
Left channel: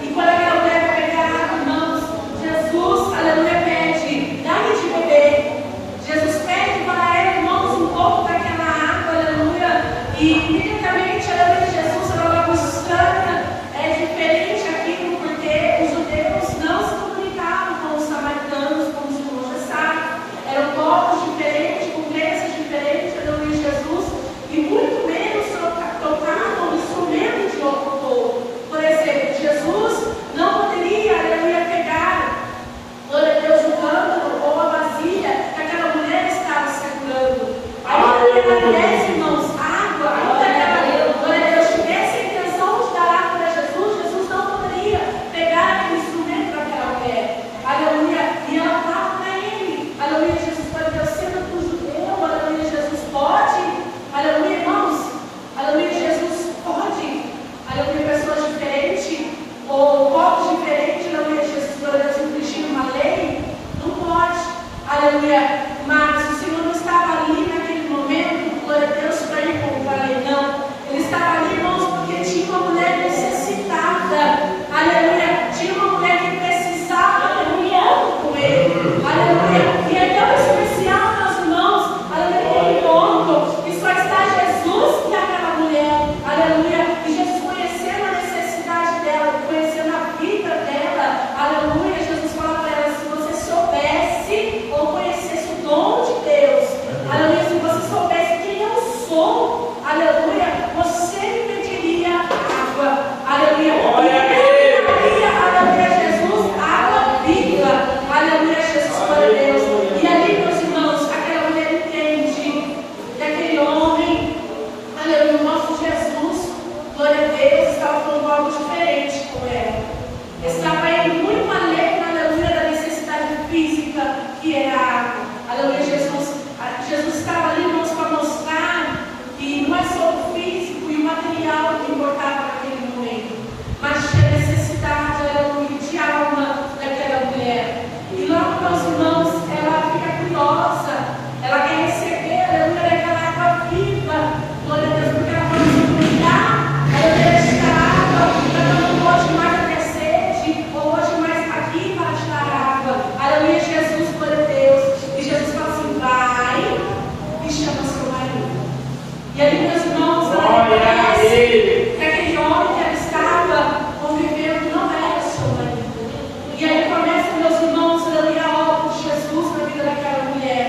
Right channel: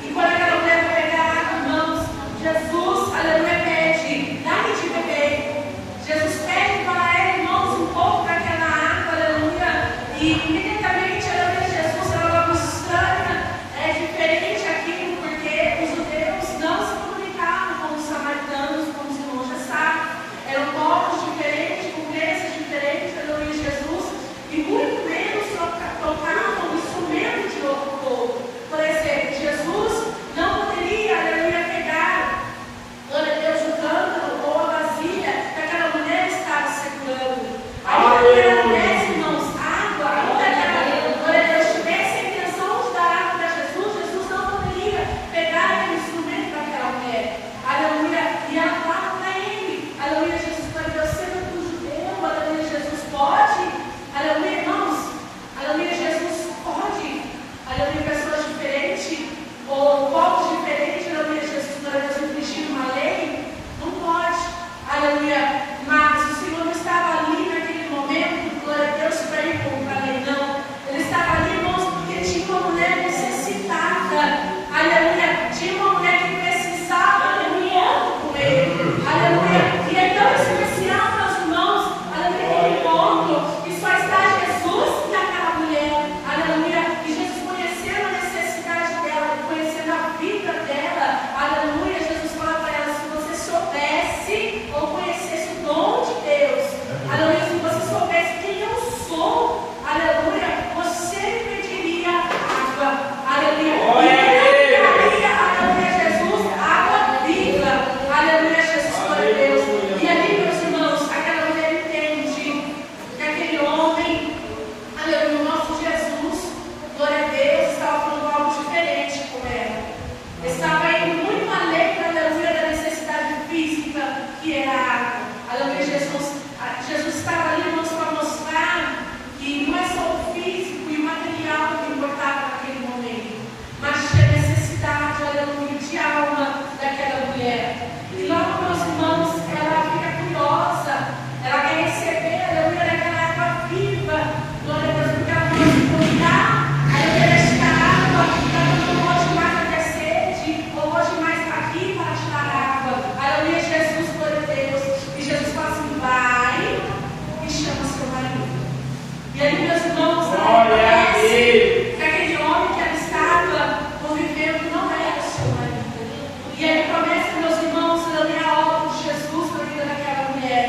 E quando aquela mulher vai beber água, irmãos, Jesus, aleluia, pede, dá-me de beber. Jesus pede para ela, irmãos, um pouco daquela água, aleluia. E imediatamente, aleluia, Jesus, ela é estranha, é diferente aquilo, porque os judeus não se comunicavam com os samaritanos, com os irmãos de Sá. Eram povos diferentes, com crenças diferentes, aleluia, Jesus. E muito menos tocavam instrumentos de outro povo. Por exemplo, Jesus não poderia, aleluia, pegar, glória a Deus, o cântaro ou a vasilha que aquela mulher estava segurando. Ainda que ela desse, irmãos, água, ainda que ela, glória a Deus, tivesse a intenção de dar água para Jesus, Jesus não poderia pegar aquele instrumento daquela mulher. Aleluia. E ela fala para ele, aleluia, Jesus, glória a Deus, sendo que o judeu, aleluia, Jesus pode, aleluia, irmãos, aleluia, Jesus pode, aleluia, pessoas diferentes, ou povos diferentes, aleluia, Jesus, glória a Deus, infringir uma lei, não pode, aleluia, mas o Senhor não estava ali naquele momento, glória a Deus, para ir contra a lei, não, ele estava ali, irmãos, porque tinha uma mulher necessitada, aleluia, tinha uma mulher que precisava de um encontro com ele, aleluia, e é tão especial, meus irmãos, aleluia, aquele encontro, que só está Jesus e aquela mulher, aleluia, e Jesus conhecendo a necessidade dela, conhecendo a vida dela, aleluia, Jesus fala para ela, se você soubesse ou conhecesse o dom de Deus, aleluia, se você soubesse quem eu sou, aleluia, você me pediria água, aleluia, aleluia, Jesus, água viva, aleluia, Jesus, glória a Deus. E ali, meus irmãos, aquela mulher entende que aquele homem, aleluia, o nosso Jesus, glória a Deus, estava falando algo diferente com ela. Estava indo muito além, aleluia, da necessidade física que é a água. Aleluia, Jesus estava ali, irmãos, para mostrar que não é só o físico e o material que importava naquele momento, mas tinha necessidade, aleluia, de alma daquela mulher. E logo, meus irmãos, ela fica curiosa, ela quer receber, aleluia, daquela água viva, glória a Deus, porque ela pode cuidar, aleluia, esta água, para não hoje mais ter sede, ou hoje mais está aqui para te dar água, aleluia, Jesus, glória a Deus. E Jesus fala assim, vai e chama seu marido. E aí, meus irmãos, parece que aquele homem que ela estava convivendo não era seu marido. E aí começa, meus irmãos, aleluia, a obra de Jesus na vida daquela mulher.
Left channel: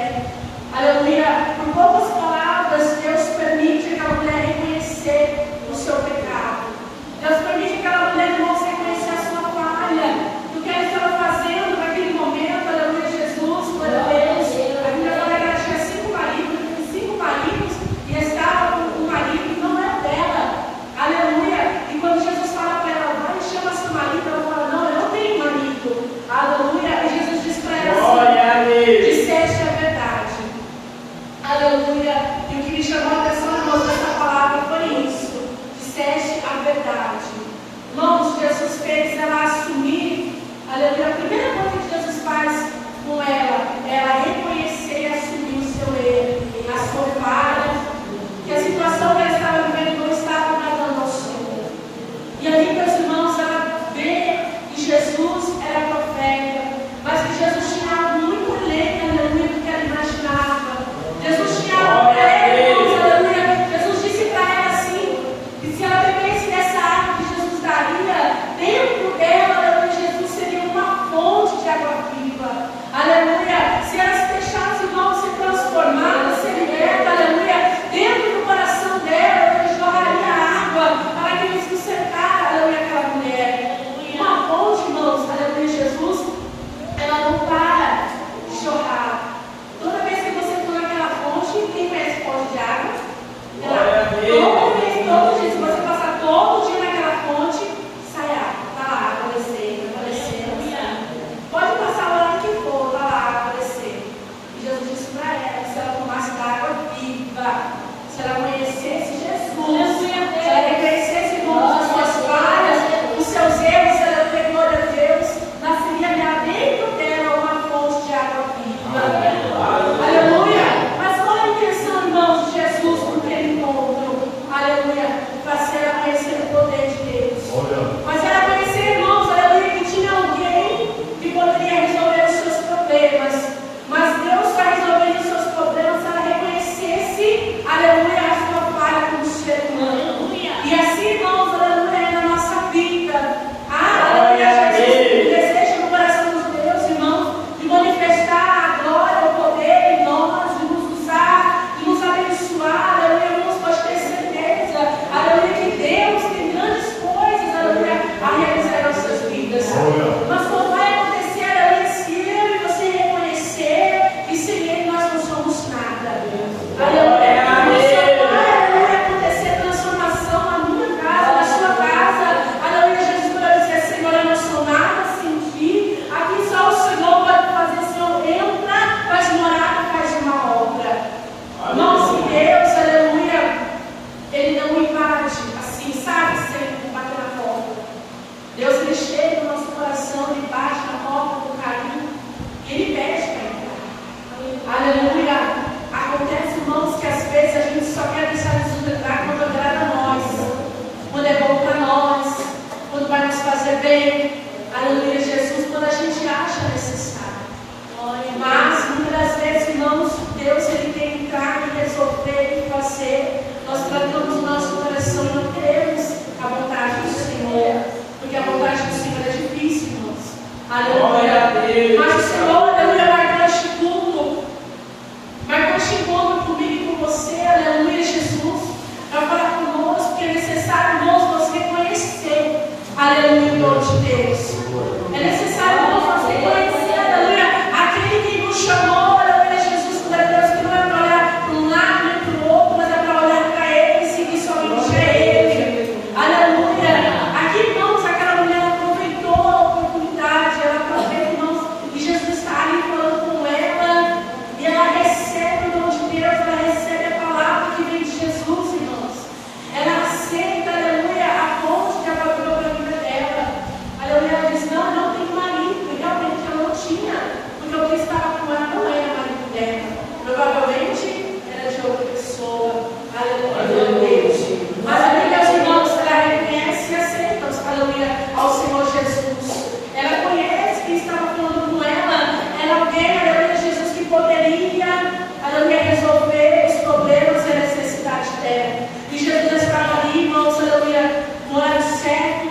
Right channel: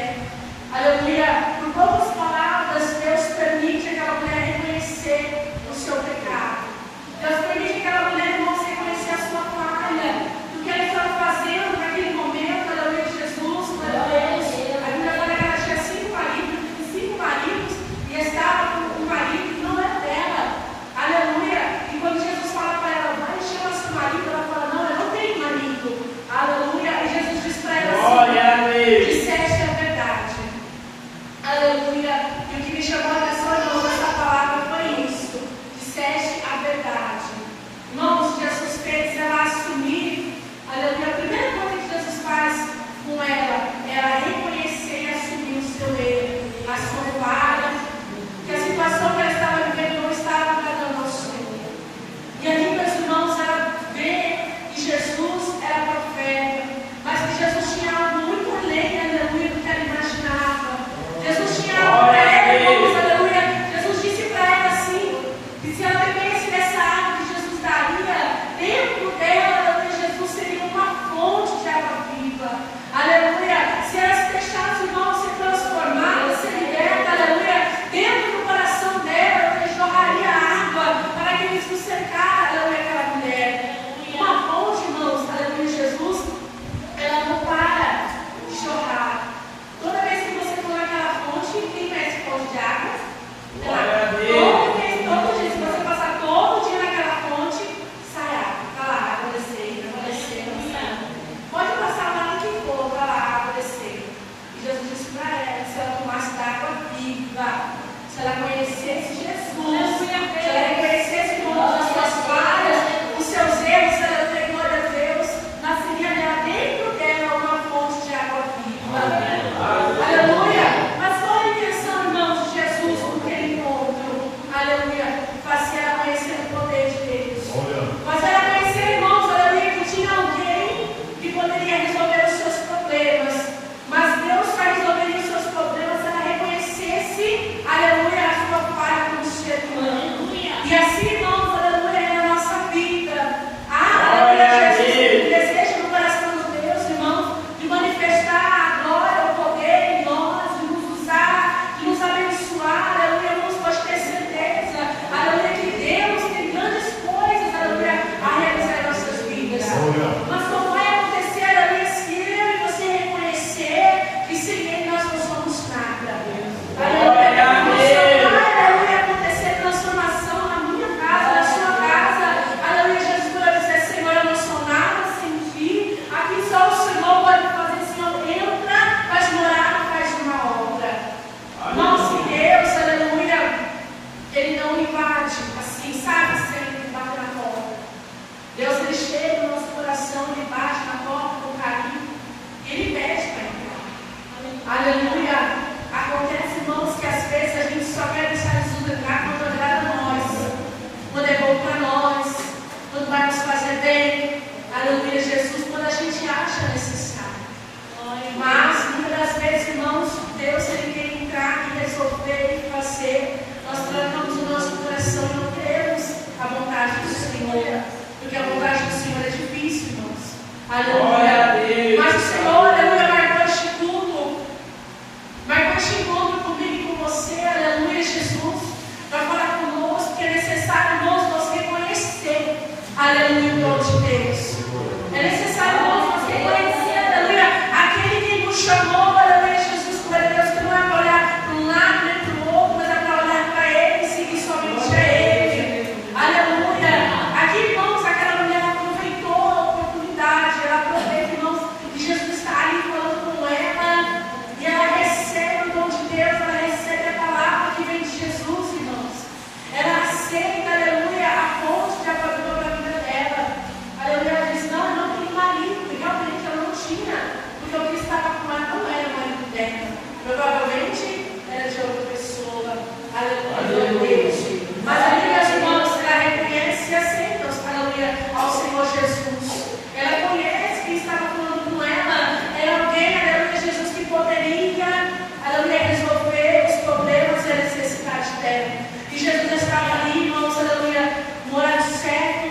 Aleluia, por poucas palavras, Deus permite aquela mulher reconhecer o seu pecado. Deus permite aquela mulher, irmãos, reconhecer a sua falha, do que ela estava fazendo naquele momento, aleluia, Jesus, glória a Deus. A Bíblia fala que ela tinha 5 maridos, e estava com um marido que não era dela. Mas ela conhecia, irmãos, aleluia, que tinha alguém que poderia resolver os seus problemas. Mas Deus está resolvendo os seus problemas se ela reconhecesse, aleluia, a sua falha como ser humano. E assim, irmãos, aleluia, é na nossa vida. Aleluia, Jesus, o desejo no coração de Deus, irmãos, de manifestar a glória, o poder em nós, de nos usar, de nos abençoar, aleluia, irmãos, pode ter certeza, aleluia, que Deus tem grandes coisas, aleluia, a realizar em nossas vidas. Mas não vai acontecer, aleluia, se eu e você reconhecer que sem Ele nós não somos nada. Aleluia, não vai acontecer transformação na minha casa, na sua casa. Aleluia, Jesus vai dizer, Senhor, eu não sou nada sem ti. Aqui só o Senhor pode fazer, Senhor, entra, faz morada, faz uma obra. Nosso Deus, aleluia, Ele não invade, assim, sabe, sem bater na porta. Deus, Ele chega no nosso coração, Ele bate na porta com carinho, Ele pede para entrar. Aleluia. Acontece, irmãos, que às vezes a gente só quer deixar Jesus entrar quando agrada a nós, quando é bom para nós, quando vai nos fazer bem. Aleluia, Jesus, quando a gente acha necessário. Mas, muitas das vezes, irmãos, Deus, Ele quer entrar e resolver e fazer. Nós tratamos o nosso coração e não queremos a vontade do Senhor, porque a vontade do Senhor é difícil, irmãos. Aleluia. Mas o Senhor, aleluia, marcou este culto, marcou este encontro comigo e com você, aleluia, Jesus, para falar conosco, porque é necessário, irmãos, nós reconhecer, aleluia, o nome de Deus. É necessário, irmãos, nós reconhecer, aleluia, aquele que nos chamou, aleluia, Jesus, por Deus, que não é para olhar para um lado nem para o outro, mas é para olhar para Ele e seguir somente a Ele. Aleluia. Aqui, irmãos, aquela mulher ela aproveitou a oportunidade, ela aproveita, irmãos, que Jesus está ali falando com ela, e ela recebe o dom de Deus, ela recebe a palavra que vem de Jesus, irmãos. Ela aceita, aleluia, a fonte que ela deu para a vida dela. Aleluia, ela diz, não tem marido, e realmente ela não tinha, porque o que estava com ela não era marido dela. Provavelmente era de outra pessoa. Aleluia, Deus. Mas, aleluia, irmãos, ela reconhece e aceita, aleluia, ao Senhor Jesus. Ela conhece quem estava falando com ela, era alguém, aleluia, Jesus, que poderia, aleluia, resolver os problemas e a necessidade dela. E Jesus estava ali, irmãos, aleluia, no horário certo,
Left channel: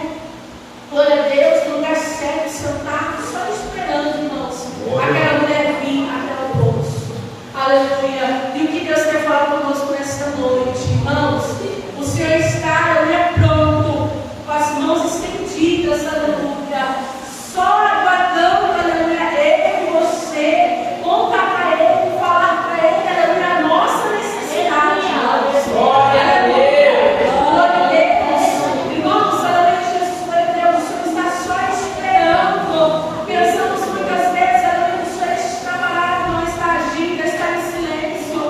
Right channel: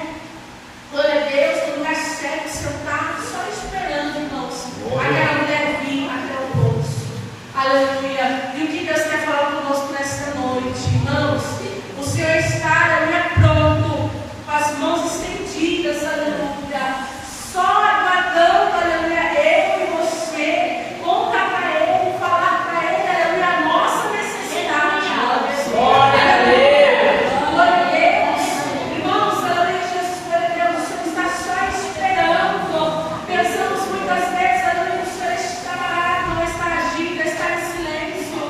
glória a Deus, no lugar certo, sentado, só esperando, irmãos, aquela mulher vir até o poço. Aleluia. E o que Deus quer falar conosco nesta noite, irmãos? O Senhor está, aleluia, pronto, com as mãos estendidas, aleluia, só aguardando, aleluia, eu e você, contar para Ele, falar para Ele, aleluia, a nossa necessidade. Glória a Deus. Glória a Deus. Irmãos, aleluia, Jesus, glória a Deus, o Senhor está só esperando. Pensamos muitas vezes, aleluia, o Senhor está parado, não está agindo, está em silêncio.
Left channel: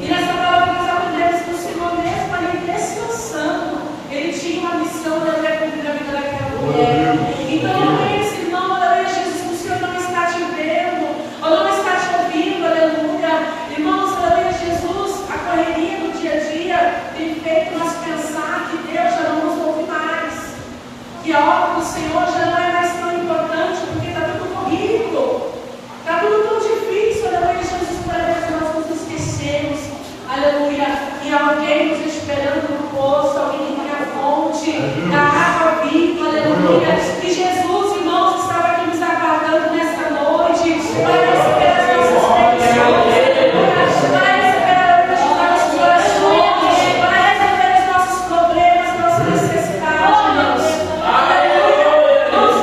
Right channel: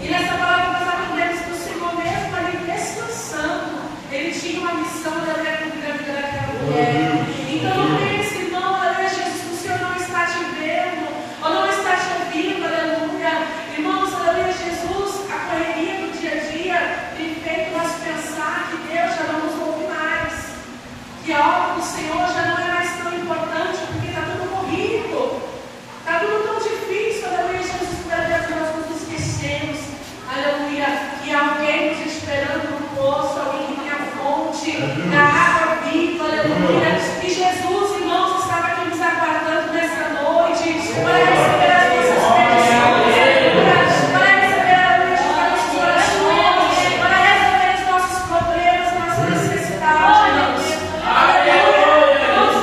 E nessa palavra nós aprendemos que o Senhor mesmo ali descansando, Ele tinha uma missão, aleluia, cumprir a vida daquela mulher. Então não pense, irmão, aleluia, Jesus, que o Senhor não está te vendo, ou não está te ouvindo, aleluia. Irmãos, aleluia, Jesus, a correria do dia a dia tem feito nós pensar que Deus já não nos ouve mais, que a obra do Senhor já não é mais tão importante, porque está tudo corrido, está tudo tão difícil, aleluia, Jesus, por vezes nós nos esquecemos, aleluia, que há alguém nos esperando no poço, alguém que tem a fonte, da água viva, aleluia, e Jesus, irmãos, estava aqui nos aguardando nessa noite, para receber as nossas petições, para receber a luz dos nossos corações, para resolver os nossos problemas, nossas necessidades, irmãos. Aleluia. Vamos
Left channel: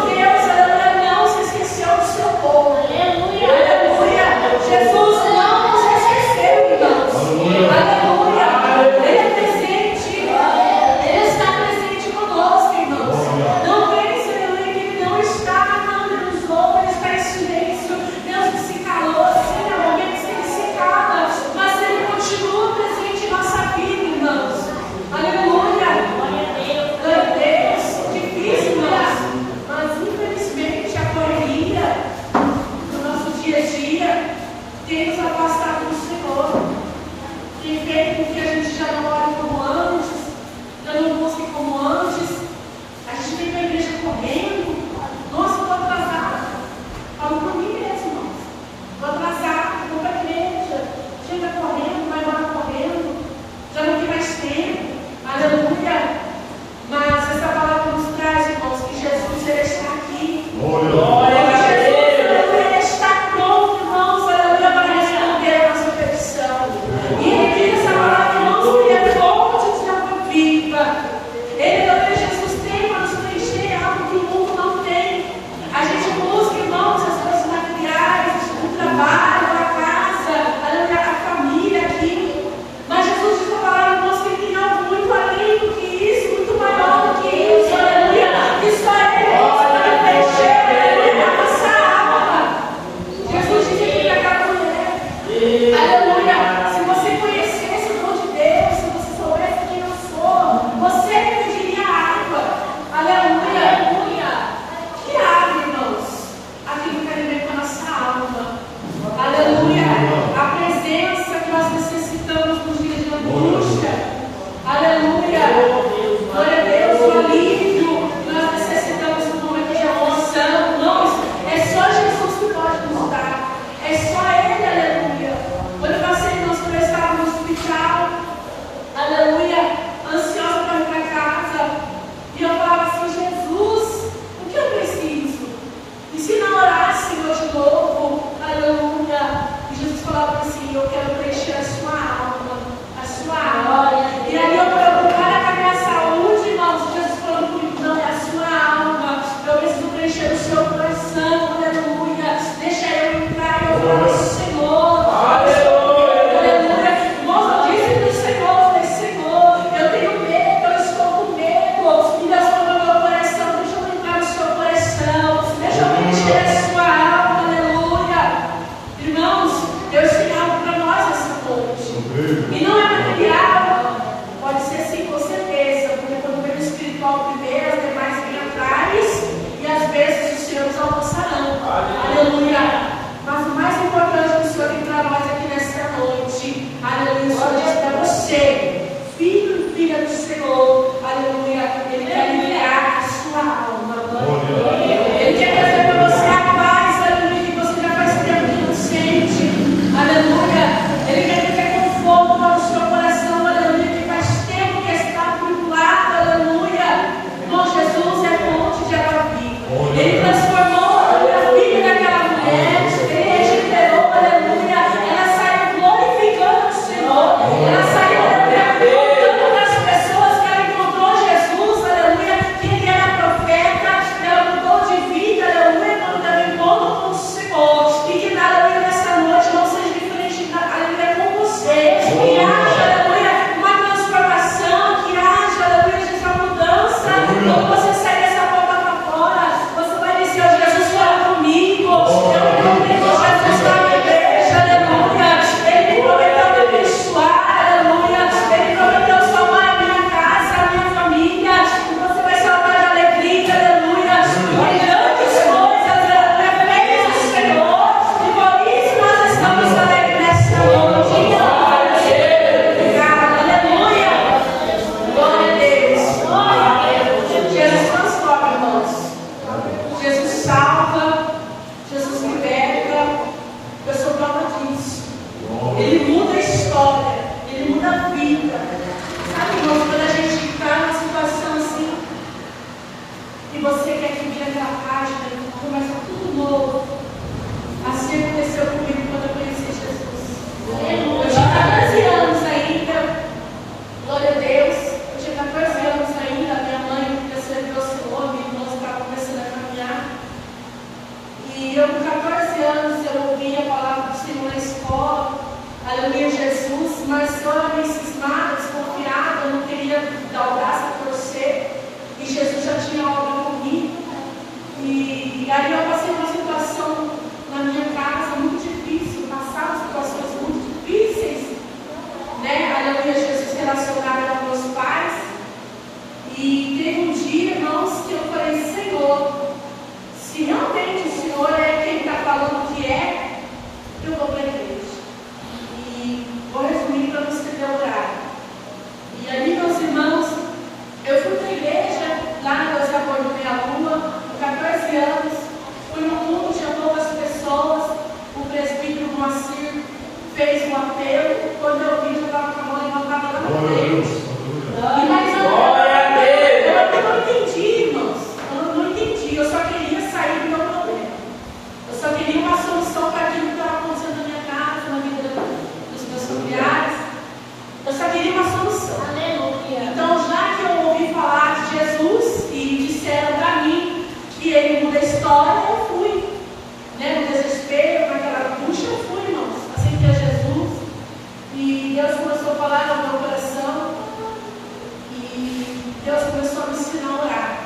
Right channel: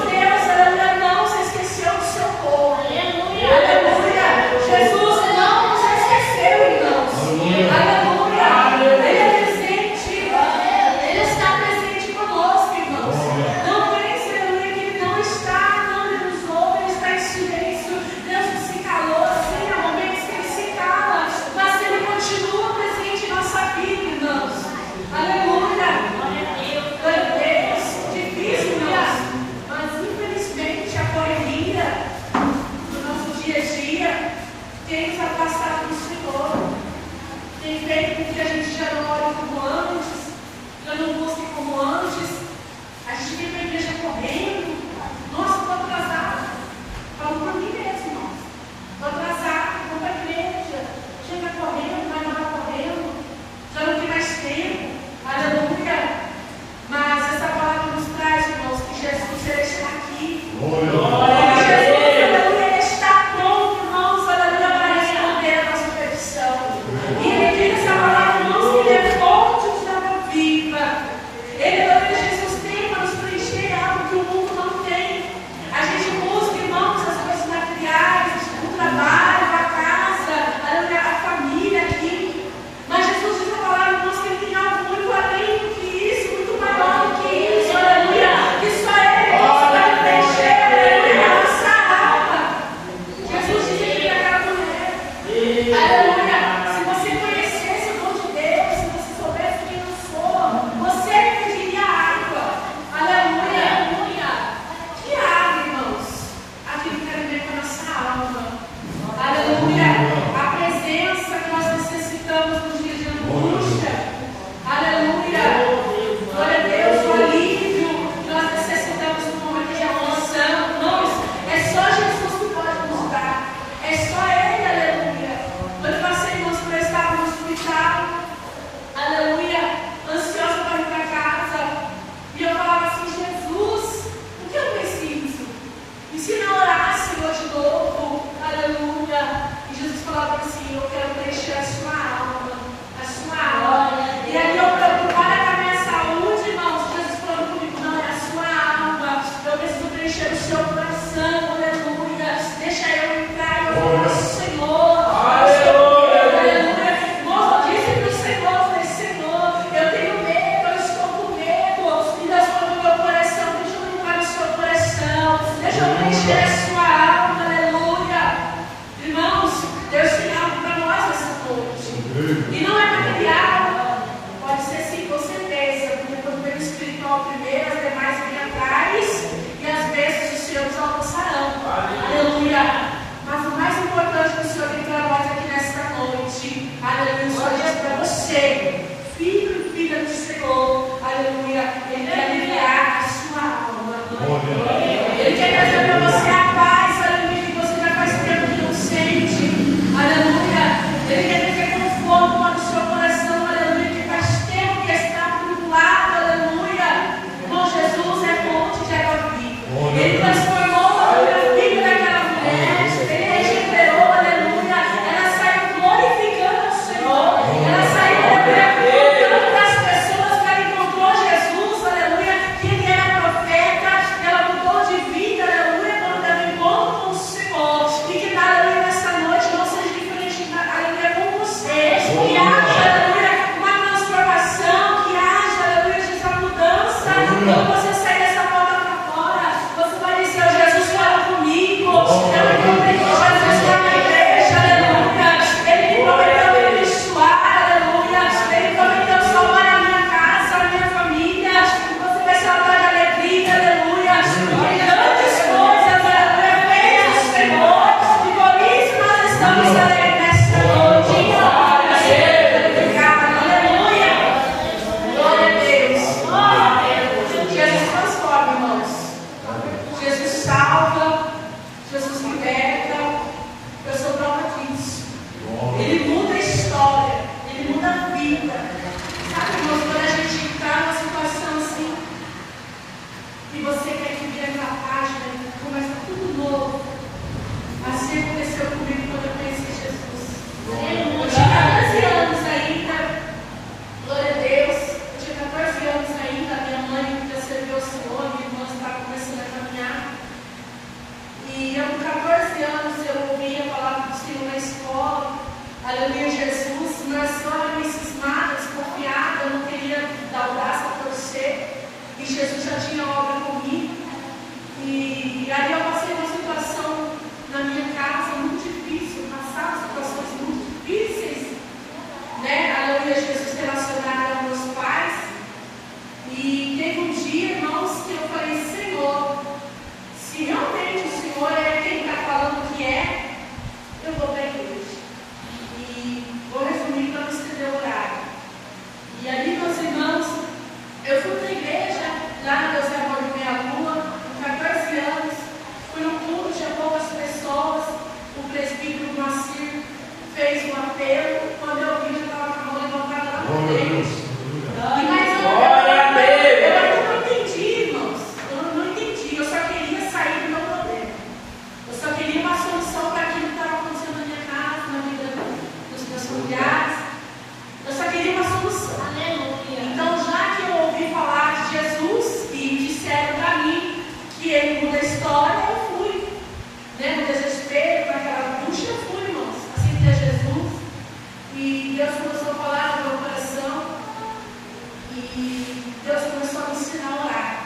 Deus começou a me ensinar a orar.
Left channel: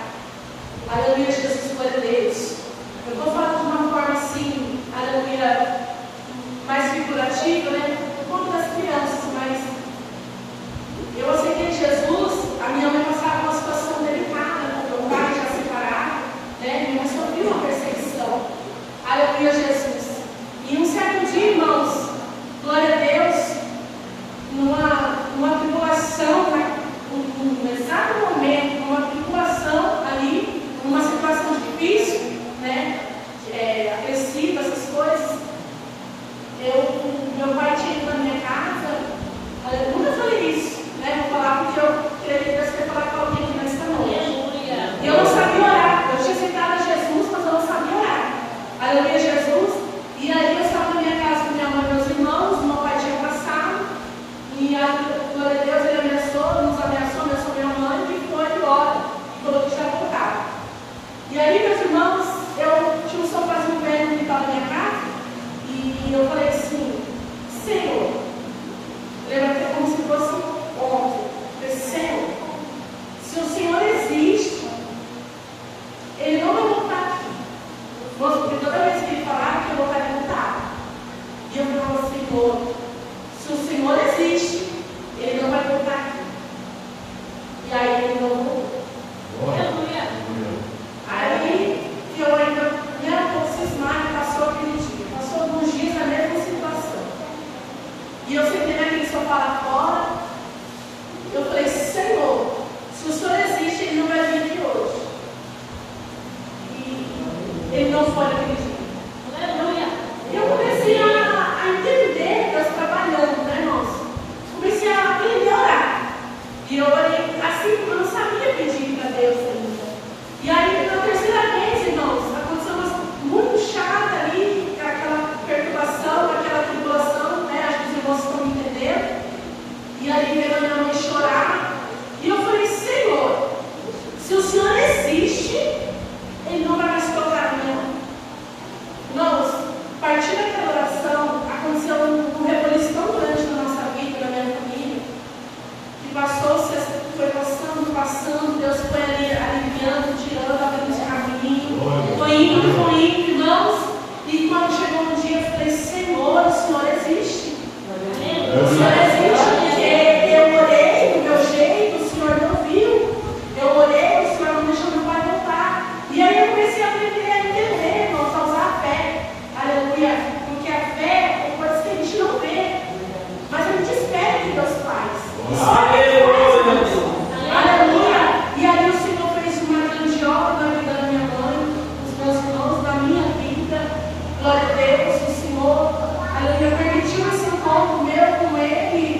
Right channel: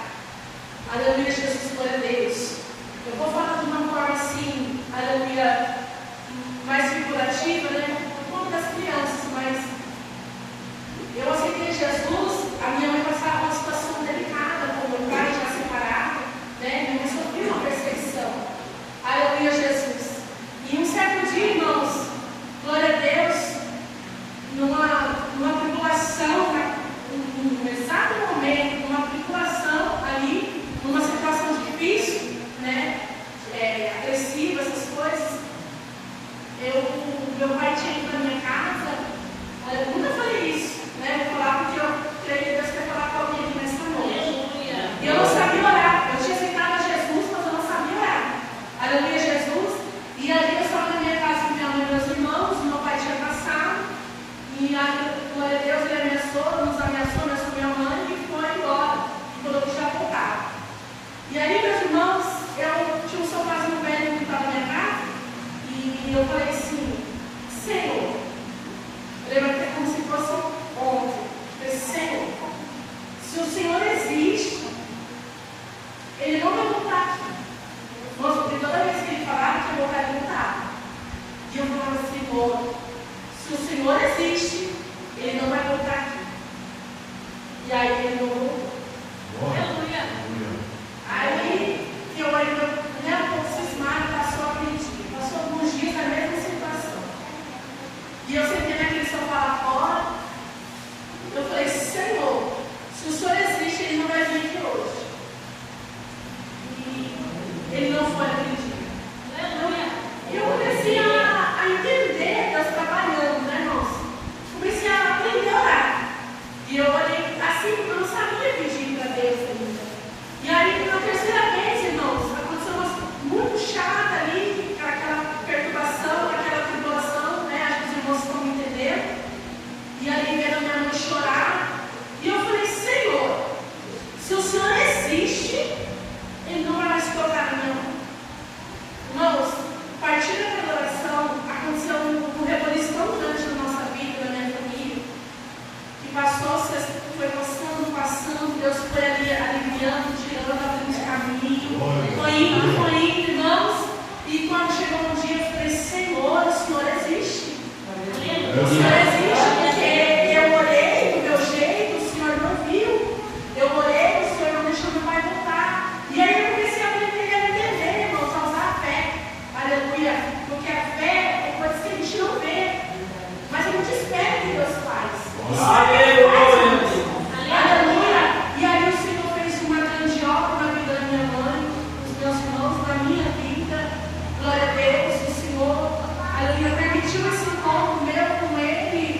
Aleluia, Jesus, glória a Deus. Eu vou falar de uma forma assim, aleluia, mais figurativa, né? Como das crianças, mas eu aceitei Jesus. A minha mãe passava uma situação delicada com meu pai, já separado, né? Minha mãe sofreu uma perseguição. Aleluia, Jesus. E um certo dia, irmãos, glória a Deus, numa tribulação, num exato momento, numa tribulação ali, numa situação difícil, né? Agressiva, essas coisas. Meu pai tinha ido na minha casa. Eu nunca falei isso, né? Vou falar porque eu creio que Deus quer falar com alguém aqui nesta noite. E eu não sabia orar. Eu tinha aceitado a Jesus, mas eu não sabia orar. Aleluia, Jesus. E aí eu estava na minha casa com minha mãe e meus irmãos. Meu pai tinha passado. E a glória a Deus, ele nos ameaçou minha mãe e foi embora. E falou que já voltava. E aí, meus irmãos, eu tinha um sofazinho velho que estava na minha casa. E eu falei assim, Senhor, lembra até como se fosse ontem. Eu falei, Senhor, se o Senhor existe, Ele não vai voltar aqui. Nossa, porque toda vez que Ele falava que ia voltar, Ele voltava. E eu falava, Senhor, se o Senhor existe, Ele não vai voltar aqui. E aí Ele não voltou. Aleluia. Aí eu ainda, um pouco cismado, passou aquele dia. Passou alguns dias na mesma situação. E eu sentei naquele sofá lá fora. Eu falei, Senhor, se o Senhor existe, Ele não vai vir aqui hoje. E Ele não foi naquele dia. Aleluia. E eu comecei a entender Deus trabalhando, né, irmãos? Comecei a aprender a orar. E eu olhei assim, porque eu não sabia pedir para Deus ainda. E aí, na terceira vez, irmãos, aconteceu uma coisa muito chata ali, aquela perturbação, aquela tribulação, né? Acho que os irmãos estão me entendendo. E ali, vendo a minha mãe chorar. E eu falei, Senhor, se o Senhor existe, Ele não vai mais tocar a minha mãe. Irmãos, a partir daquela oração, aconteceu um reboliço tão grande na nossa vida, na minha família, que foi passando, Deus foi ali aliviando, tirando, abrindo caminho, foi indo, irmãos, e quando chegou um dia, eu falei, Senhor, o Senhor existe. O Senhor existe, porque eu orei do meu jeito, o Senhor não viu, eu orei, o Senhor não deixou meu pai voltar. E aí eu comecei a aprender a entender, irmãos, a usar a fé. Aleluia, porque a fé é coisa que a gente não vê, mas a gente espera que Deus faz. Aleluia. E aí o Senhor fez uma grande obra na vida da minha mãe, dos meus irmãos, na minha vida. Glória a Deus, o Senhor, aleluia, permitiu esse encontro meu com Ele.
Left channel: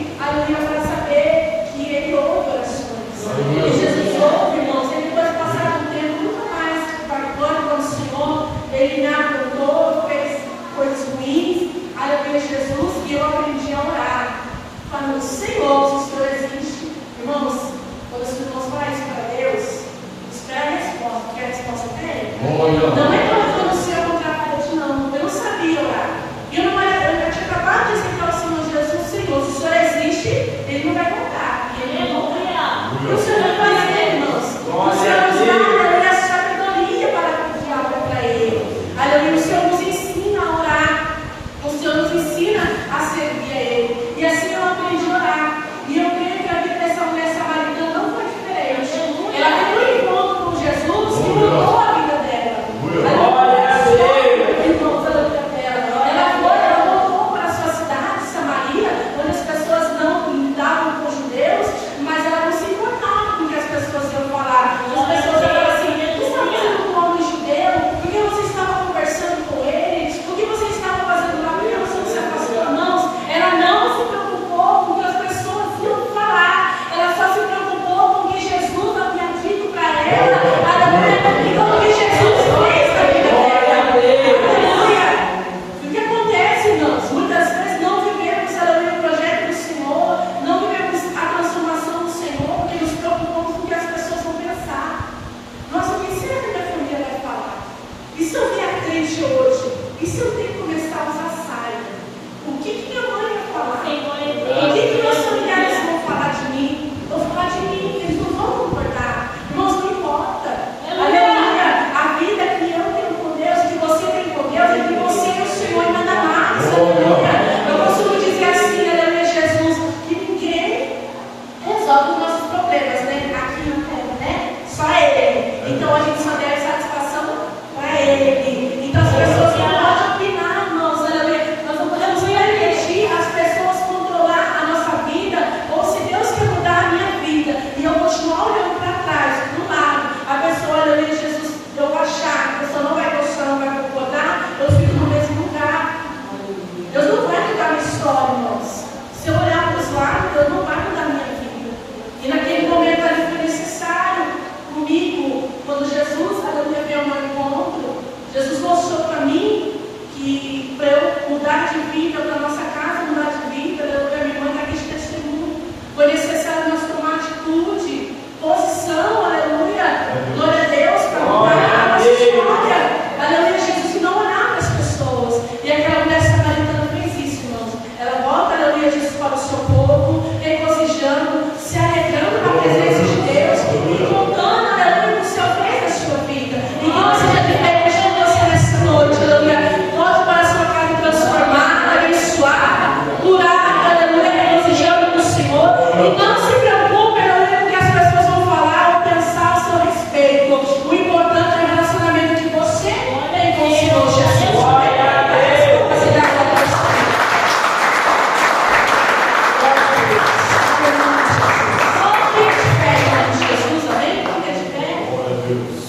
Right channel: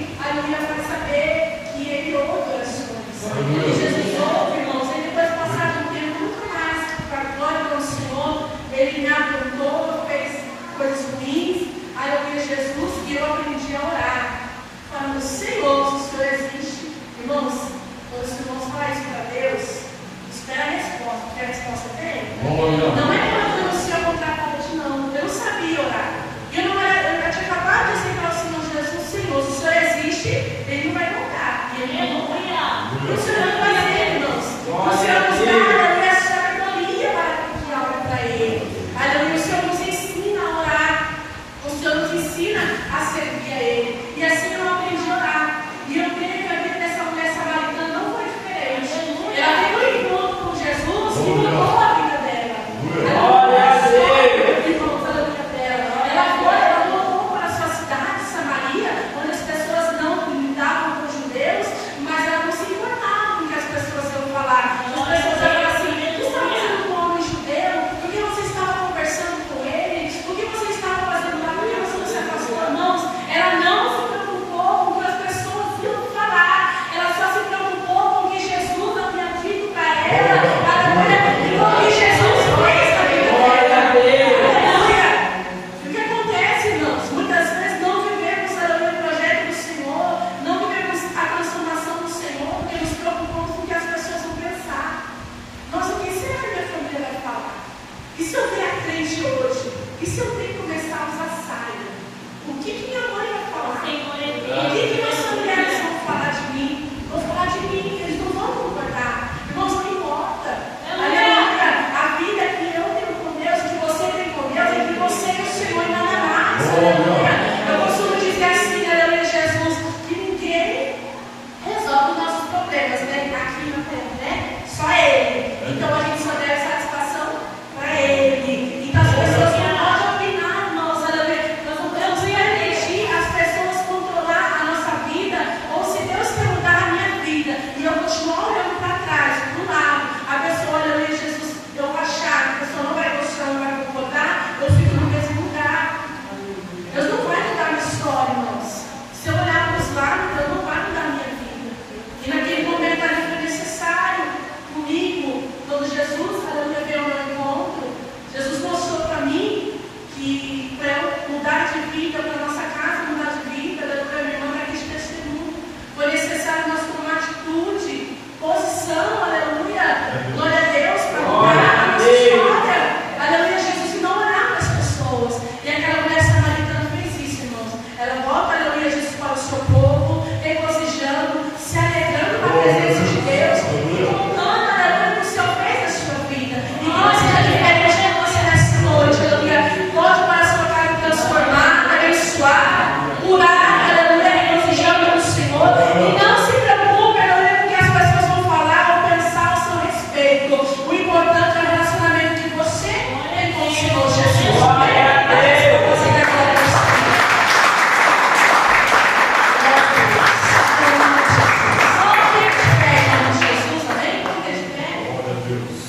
Glória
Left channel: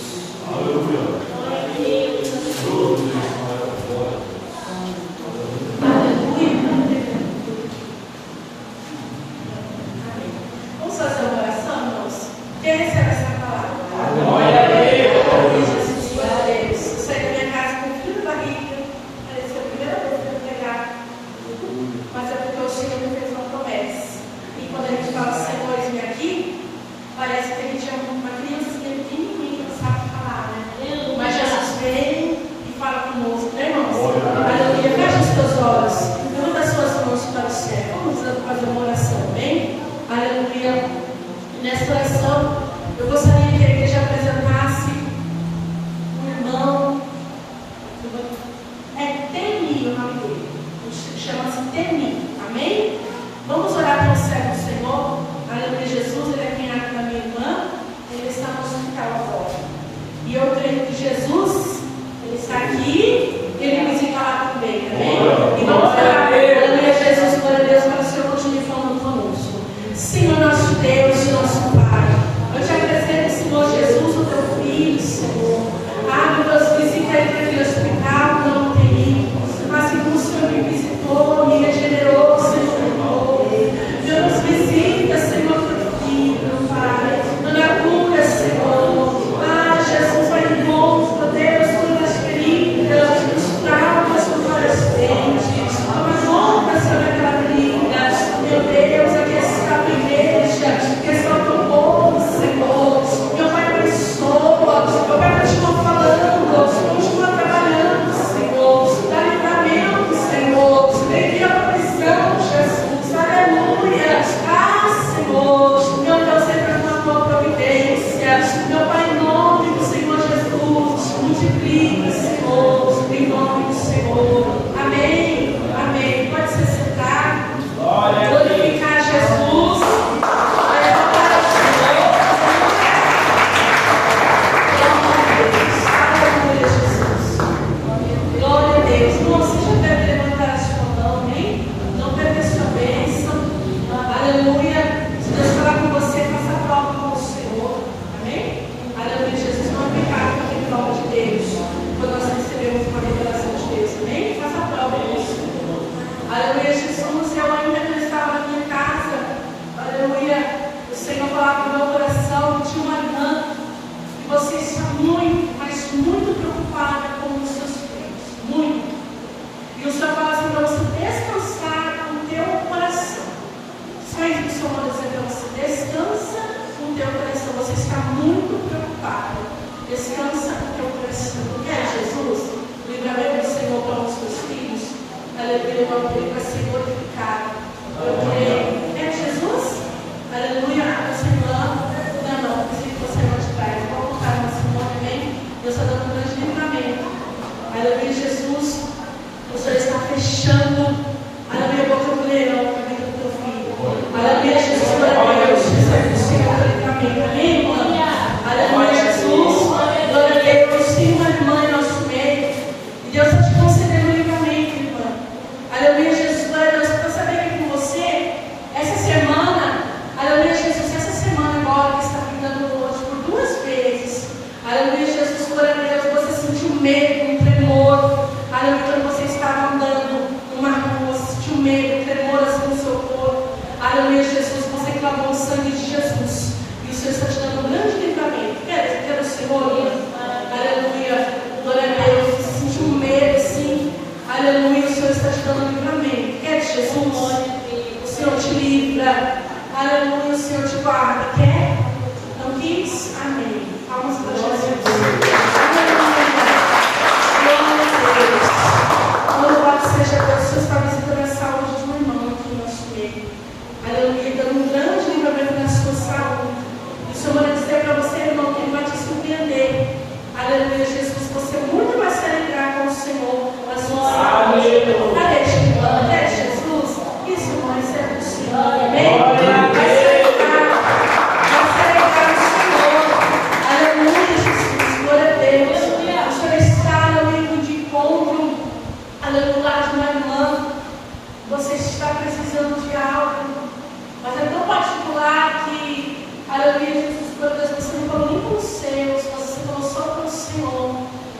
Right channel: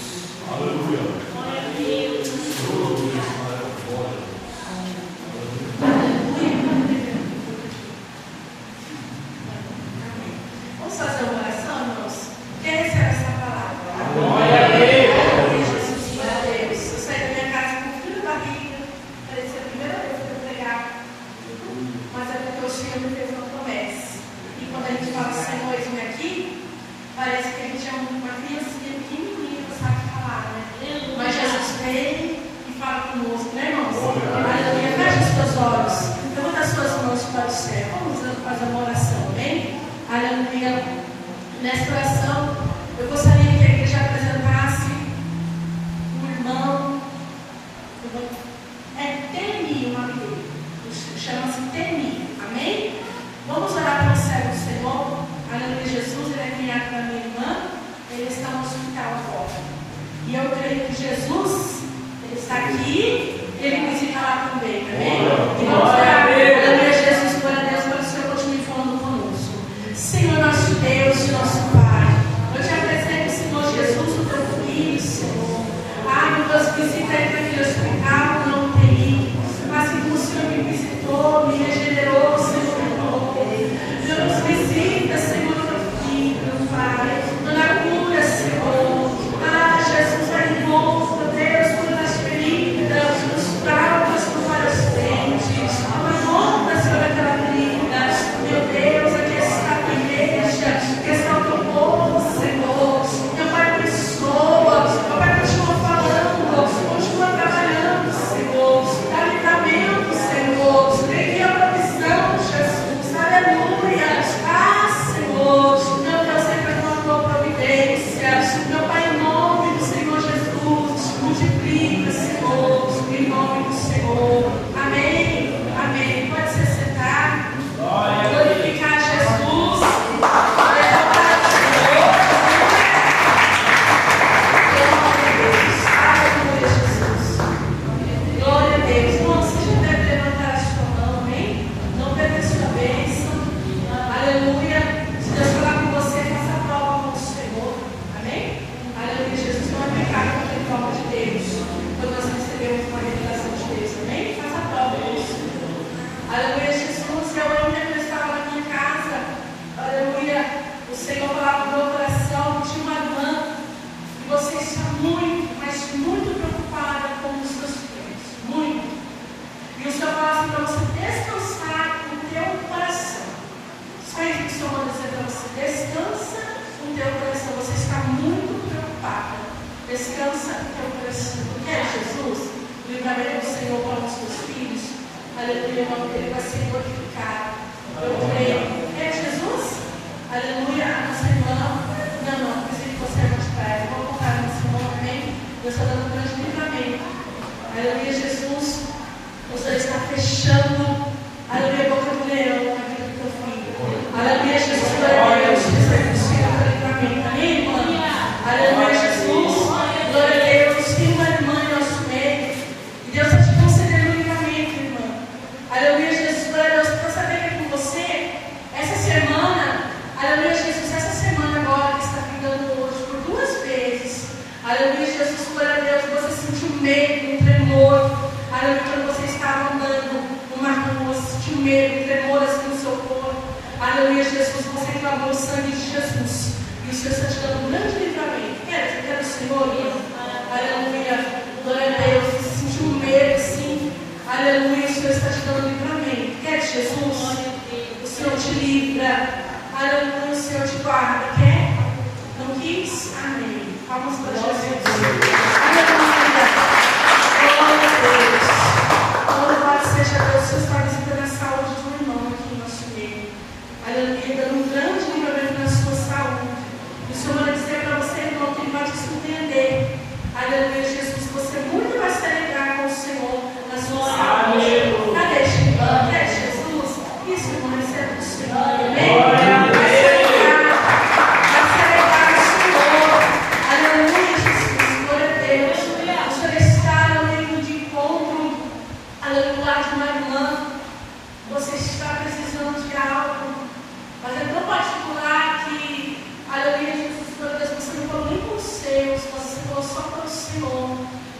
a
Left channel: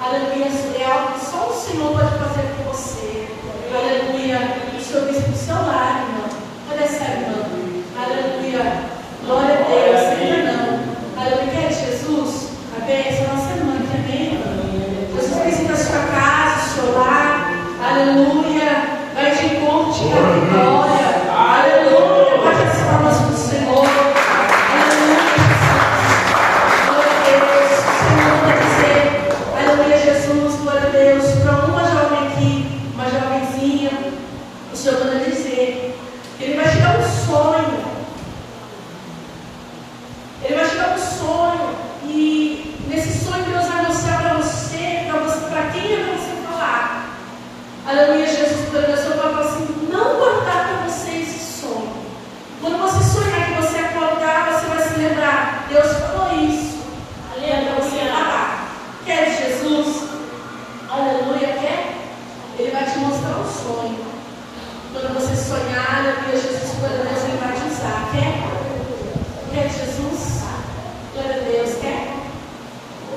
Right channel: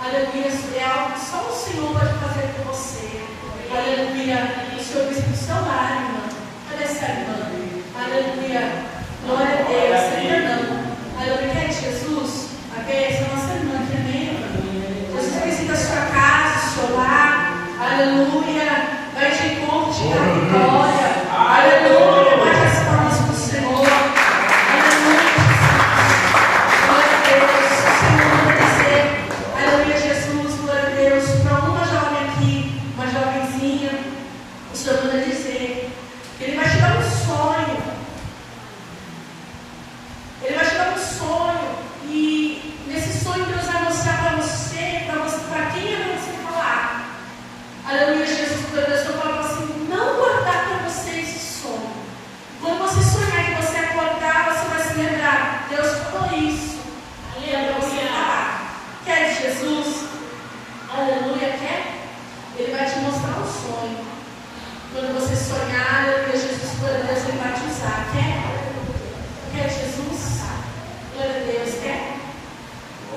Aleluia, é algo que só o Senhor pode fazer por você. Aleluia, o Senhor vê o seu lágrima. Cadê essa irmã? Aleluia, glória a Deus, ainda não. Aleluia, quer Jesus? A bênção é nossa irmã, tremenda. Jesus visita a sua casa, o seu lar. Aleluia, vai de encontro, te dá vitória. Aleluia, bate as palmas para o Senhor. Aleluia, Jesus, quando eu falo assim, não guardar para você esse sonho. Quando você sonhar que você acordar, você vai se lembrar, Deus falou isso. Aleluia, você falar. Quer Jesus? Aleluia, quer? Ele vai te mostrar um sonho. Quando você sonhar, aleluia, Jesus, glória a Deus, Ele vai te usar. Quer? Quer Jesus? Glória a Deus, quer?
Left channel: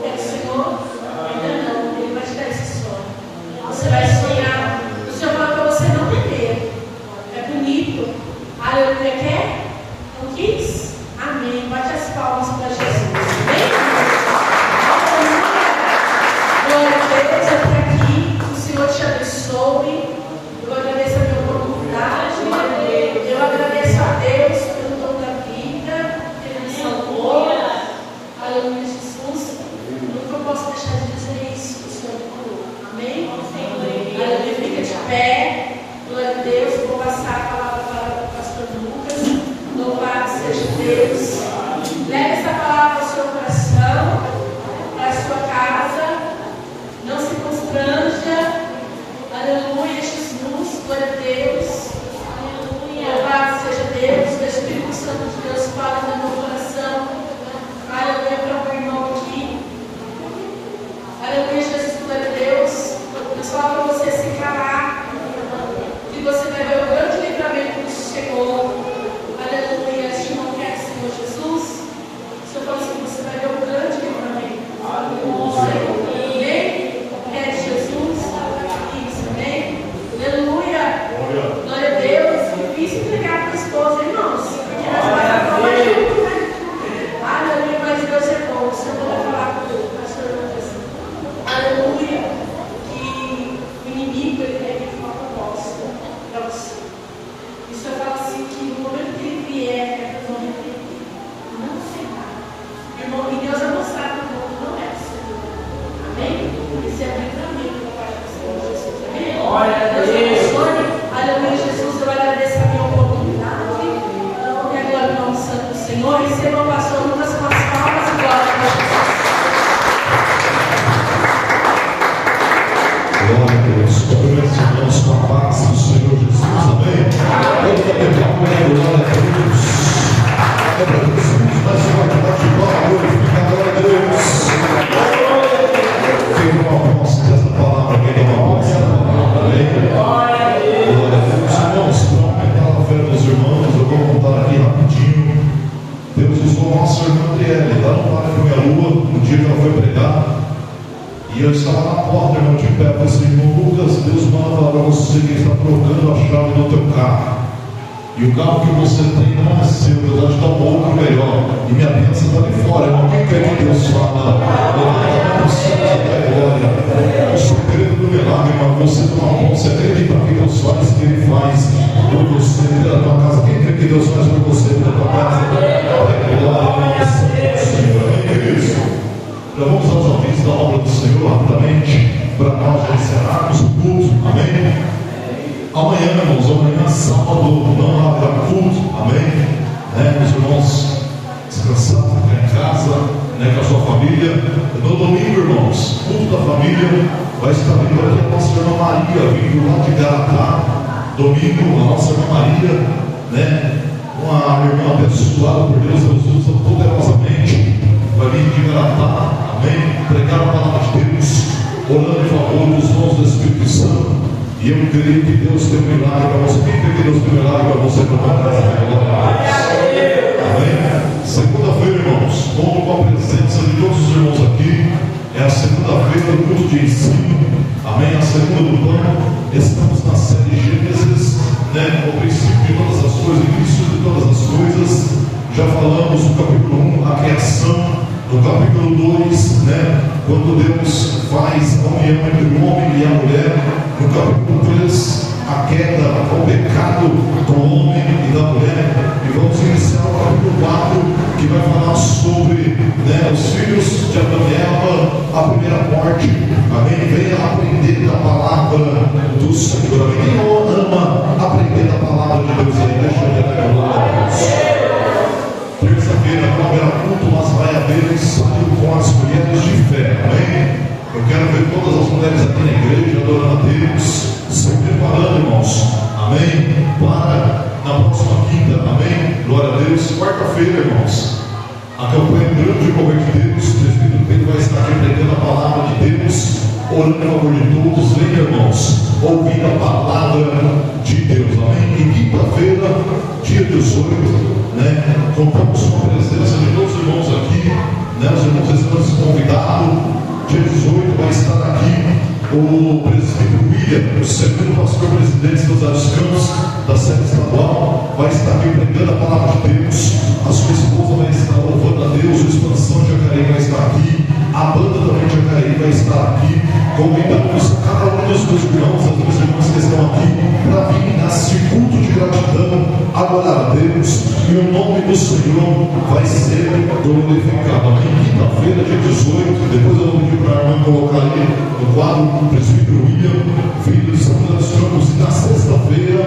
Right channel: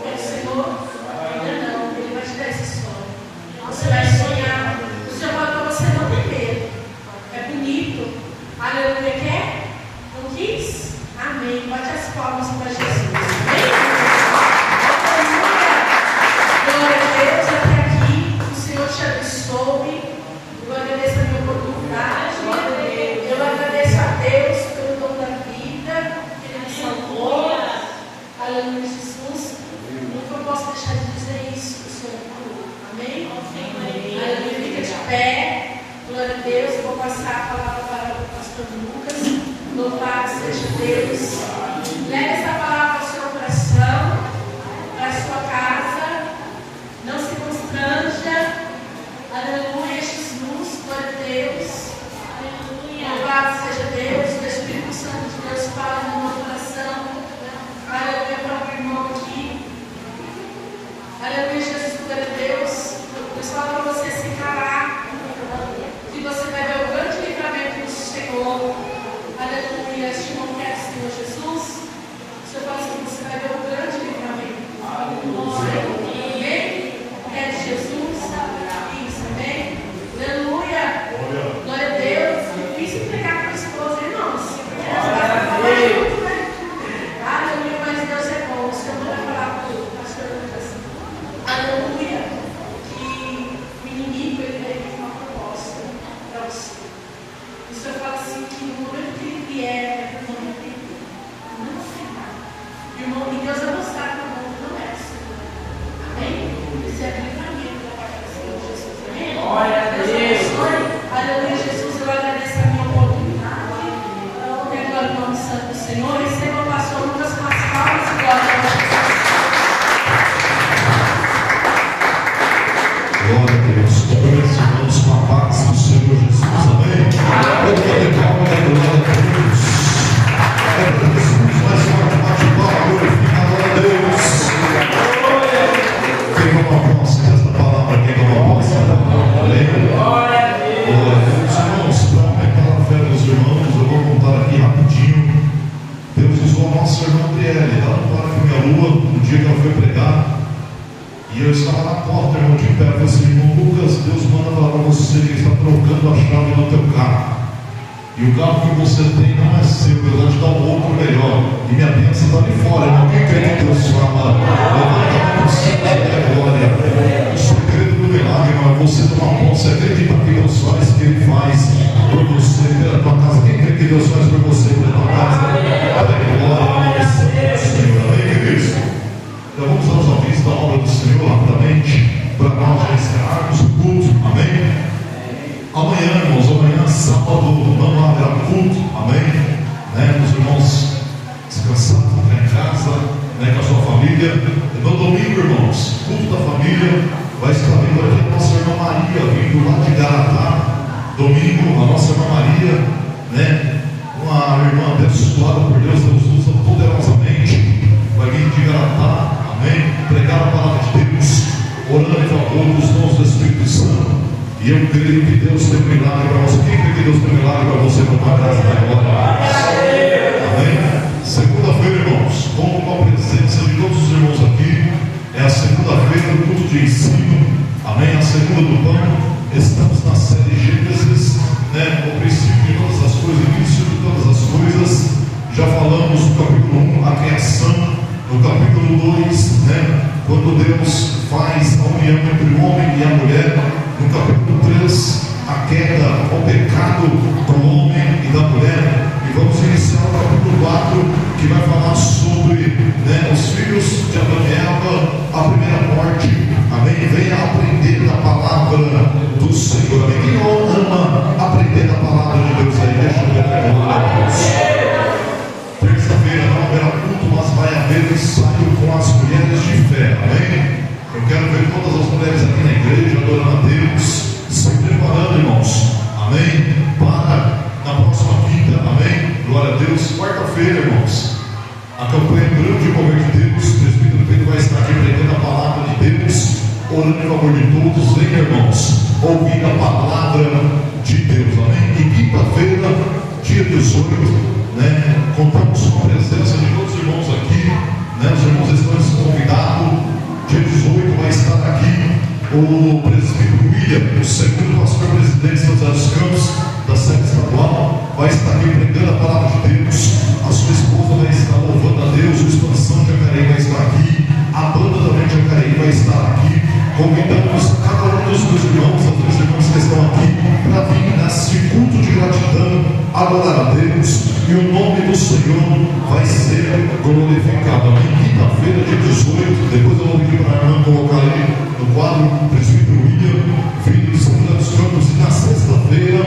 Quer o Senhor? Ainda não, Ele vai te dar esse sonho. Você vai sonhar. O Senhor fala para você não ter medo. É bonito. Aleluia, quer? Não quis? Amém. Bate as palmas para Jesus. Amém? Glória a Deus, até aqui. O Senhor te abençoe. Eu agradeço a minha oportunidade. Eu agradeço a Deus pelo dom da vida. Ele me salvou. Aleluia, Jesus. Nunca posso deixar de dizer isso que o Senhor falou. Amém? Aleluia, fica de pé. Glória a Deus. Eu vou passar a palavra para o pastor Lucas. Louvado seja Deus. Leve essa palavra ao seu coração, para a sua casa. Não se constranja. Aleluia, Jesus. Glória a Deus. Louvado seja Deus. O Espírito Santo de Deus fala no meu coração. Aleluia, para o irmão aqui. Aleluia, Jesus. Glória a Deus. Eu falo para você se encarar, que você vai ver o grande livramento do Senhor. Aleluia, este irmão quer Senhor Jesus. Você fala assim, você vai ver o grande livramento. Amém? É de Jesus. Isso, amém? Aleluia. Glória a Deus. Difícil entregar para a esposa, irmãos. Porque nós vamos falar junto, né? Aleluia, mas Deus é bom. O Senhor vai falar para o pastor Lucas. Aleluia. Que o inimigo ele tem uma proposta para você. O Senhor fala assim que no momento que ele vier, é no momento que ele não aceitar. E Deus vai mostrar para o mundo não é o Senhor. Amém? Isso é livramento da parte do Senhor Jesus. Amém? Glória a Deus. Aleluia, Jesus, eu agradeço a minha oportunidade. E agora, em nome santo do Senhor, receba o pastor Lucas com as palmas e glória a Deus. Glória a Deus. Todos os irmãos com a paz do Senhor Jesus. Amém? Vamos bater palma, glória a Deus. Glória a Deus. Mais uma bate-palma, glorifica, glória a Deus. Quem não alcança essa palavra, quem não alcança essa palavra, amém? Glória a Deus. Irmãos, para aumentar a fé dos irmãos, eu vou contar aqui rapidinho. Deus usou a nossa irmã Adriele, lá no Parque Minha Lua, no dia que ela foi pregar. E eu estava na porta, irmão, de pé, eu falei assim, irmão Lucas, Deus manda falar para você que está trocando a chave do teu carro. E o carro que você tem não é seu, Deus vai te dar um outro melhor. E minha bênção está ali fora, irmão. Quem quer que Deus fala? Levanta o céu da glória. O segredo do milagre, irmão, você tomar posse, acredita que Deus faz, que Ele faz por você, pela tua casa. Quem quer que Deus faz por você, pela tua casa? Glória ao Senhor. Amém, Cristo? Então vamos aos ouvintes da obra do Senhor rapidamente, para nós já encerrarmos o culto, amém? Amanhã, irmãos, amanhã sábado, não haverá culto, amém? Os irmãos descansados aqui em casa, com a sua família. No domingo, irmãos, culto da família, vai estar vindo aqui a nossa irmã Maria, vindo lá de Garatá. Domingo, a nossa irmã Maria, uma irmã abençoada por Deus, Deus usa poderosamente, vai vir de Garatá, amém? Pregar a palavra de Deus, orando em favor dos dons do Espírito Santo. E eu creio que Deus tem um milagre para você. Quem crê que Deus tem um milagre para você? Amém? Segunda-feira, irmãos, conto com a presença de todos os irmãos aqui. É a segunda-feira. vez do culto de ensino, amém, a segunda do pão. Estamos na série Gênesis, né, o princípio de todas as coisas, o início de todas as coisas. Já falamos no capítulo 1, a criação. No capítulo 2, né, quando Deus faz a união entre o homem e a mulher. No capítulo 3, a queda, o pecado do homem e da mulher. E vamos iniciar o capítulo 4, que vai falar sobre, né, os filhos de Adão e Eva, a primeira morte. Amém? Venha aprender da palavra do Senhor. Amém? Quem não ama aprender da palavra de Deus aí? Deixa eu ver a glória a Deus. Terça-feira não haverá culto, mas vai haver ensaio com as mulheres de fé. Amém? Eu quero ver todas as mulheres aqui na igreja adorando a Deus, se preparando, irmãos. Amém? Para na próxima quinta. Amém? Glória a Deus. Quarta-feira, irmãos, a campanha Grande Poder de Deus. O presbítero Pedro vai estar aqui pregando a palavra de Deus, orando em favor de todos. Venha, irmãos, ouvir a palavra de Deus. Amém? E quinta-feira, dia 18, né, contamos com a presença de todos os irmãos aqui, né, os irmãos estão convidados. Dia 18 vai estar aqui o presbítero William, o segundo pastor presidente dos Altos Campos da sede estadual, vai estar aqui pregando a palavra de Deus. A sua esposa vai estar louvando a Deus. O Expansão de Jacareí vai estar aqui, a banda também de Jacareí vai estar aqui. Convidamos cada um dos dois irmãos, as duas irmãs que estão aqui, para vir nesse culto de gratidão, adorar a Deus, e o nome do Senhor vai ser glorificado. Amém? Quinta-feira, dia 18, depois eu vou pedir para a irmã colocar aí no quadro o presbítero William, filho de São José dos Campos. E na sexta-feira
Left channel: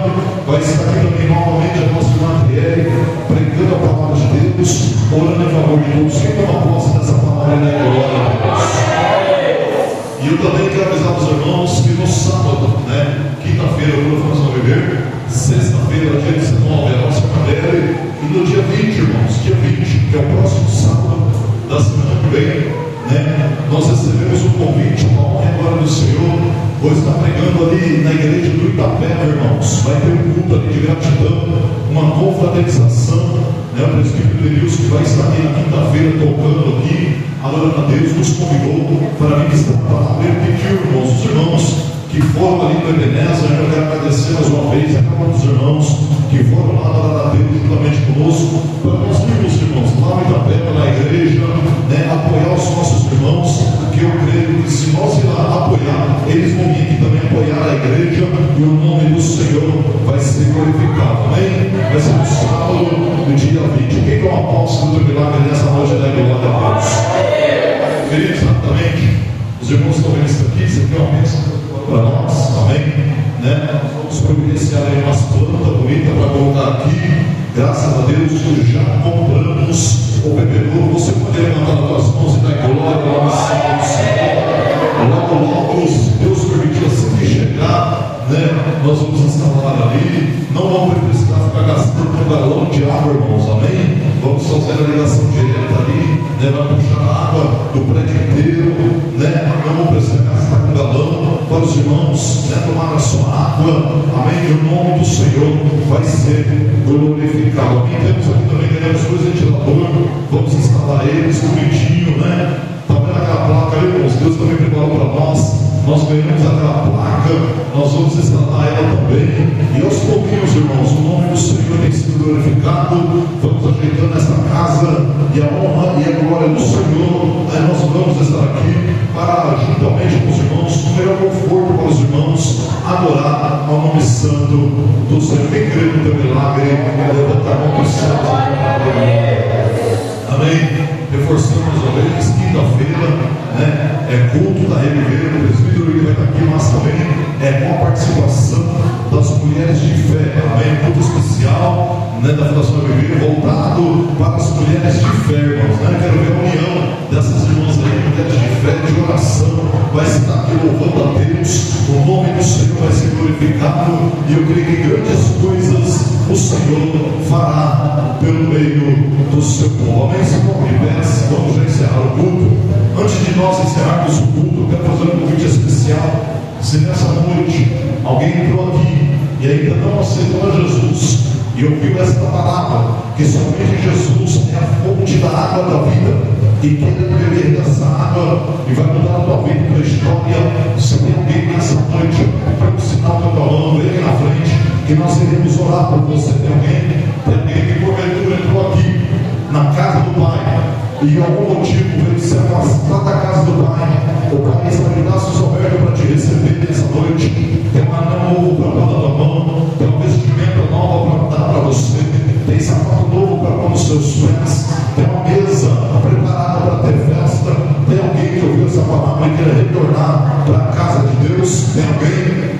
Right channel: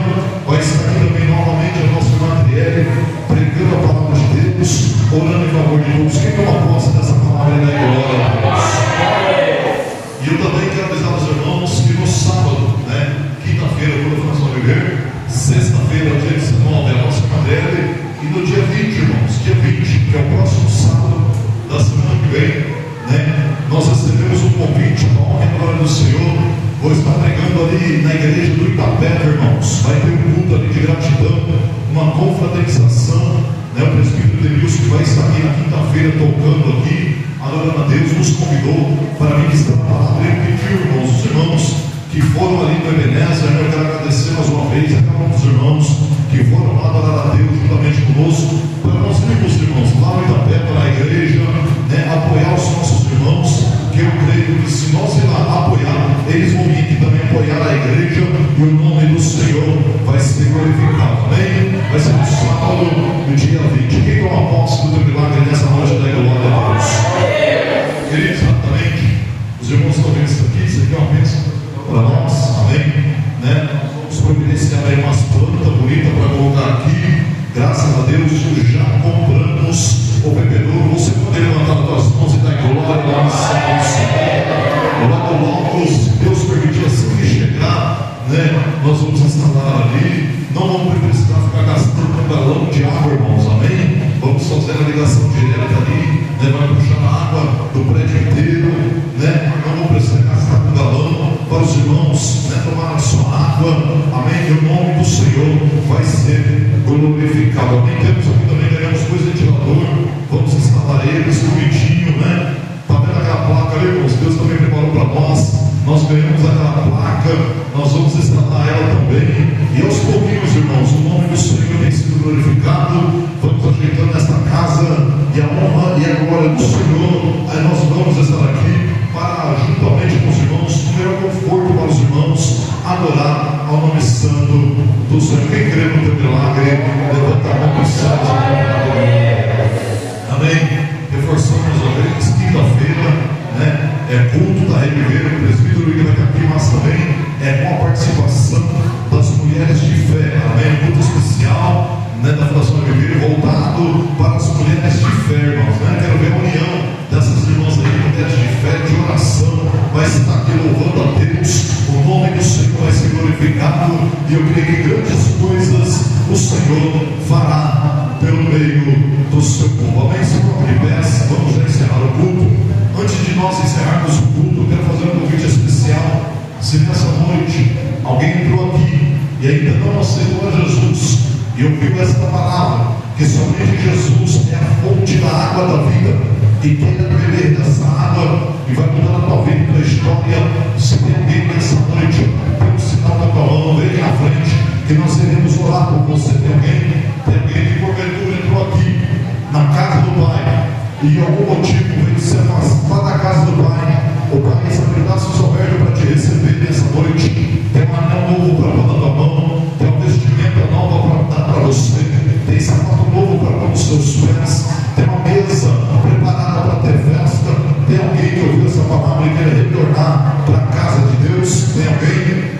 vai estar aqui também novamente a nossa irmã Adriele, pregando a palavra de Deus, orando em favor de todos. Quem toma posse dessa palavra é a glória a Deus. E eu também quero avisar os irmãos que no sábado, né, quinta-feira, quando vamos ao viver, sexta-feira, dia 19, é a nossa cadeira, e no dia 20, irmãos, dia 20, que é o próximo sábado da semana que vem, né, nós recebemos um convite, uma honra e glória do Senhor. Vou estar pregando ali na igreja do Itapeva, irmãos. Vai ter um culto ali de gratidão, uma confraternização, né, o presbítero Denilson, que vai estar aqui na quinta-feira tocando aqui, adorando a Deus, nos convidou para ministrar a palavra. Ele pediu, irmãos, os irmãos que foram ali no Ebenezer, eu quero agradecer mais uma vez a cada um dos irmãos que foram lá adorar a Deus juntamente conosco, para nós irmos, irmãos, lá no Itapeva, na igreja, né, apoiar os nossos irmãos, que eu creio que se nós ir lá apoiar, eles vão vir aqui também apoiar a igreja, e o nome do Senhor vai ser glorificado. Amém? Vai ser no sábado, no dia 20. Quem toma posse do milagre nessa noite da glória a Deus? Queridos, exatamente, os irmãos estão vendo isso aqui, isso aqui é uma bênção para nós, amém? Né? Vamos providenciar aí umas plantas bonitas para colocar aqui. Graças a Deus, já compramos o bebedouro. Você pode levantar as suas mãos e dar glória ao Senhor. Logo, logo, se Deus permitir, assim que chegar, né, nós vamos instalar ali. Não vamos precisar ficar gastando um galão de água, irmãos, amém? Vamos fazer a ligação direta ali, né? Vai puxar a água do prédio inteiro, né? Não vamos precisar gastar um galão para os irmãos, né, tomar a sua água, amém? E o nome do Senhor vai ser glorificado. Amém? Temos aqui também, ganhamos dois ventiladores, vamos instalar eles bonitinho, né? Está vendo aquela placa ali, irmãos? Deus também preparou para nós. Nós ganhamos aquela placa, nós vamos instalar ela também. E aos pouquinhos, irmãos, o nome do Senhor tem sido glorificado. Vamos ajeitando esta casa, e a honra e a glória do Senhor. Aí nós vamos estar aqui para, juntamente com os irmãos, o melhor conforto para os irmãos, adorar ao nome santo do Senhor. Quem crê no teu milagre, levanta a mão para o céu. Amém? Reforçamos a vez, quinta-feira, né, é culto da Reviver, o presbítero que vai estar aqui, mas também é com a participação das mulheres de fé. Amém? Um culto especial, né, da Fundação Reviver, voltado para as mulheres de fé, irmãos, né? Quero ver a união dessas irmãs aí, mulheres de fé, de oração, vai estar aqui louvando a Deus, o nome do Senhor vai ser glorificado, e eu creio que grandes coisas o Senhor fará pelo meio do seu povo. Amém? Se não me peça, vamos já encerrar o culto. Antes de nós encerrarmos o culto, eu quero fazer um convite especial. Se nessa noite alguém entrou aqui e ainda não aceitou a Jesus e ouviu esta palavra, que somente Jesus é a fonte da água da vida, e quem beber dessa água e vai mudar a tua vida, que nós iremos orar por você. Tem alguém que porventura entrou aqui na casa do Pai e de algum motivo veio se afastar da casa do Pai. O Pai está de braços abertos para te receber nessa noite. Tem um anel novo para pôr na tua mão, tem uma vestimenta nova para dar para você, tem sapato novo para pôr nos seus pés, tem uma mesa preparada para ter festa. Tem alguém que ouviu essa palavra e quer retornar para a casa de Deus? Tem alguém?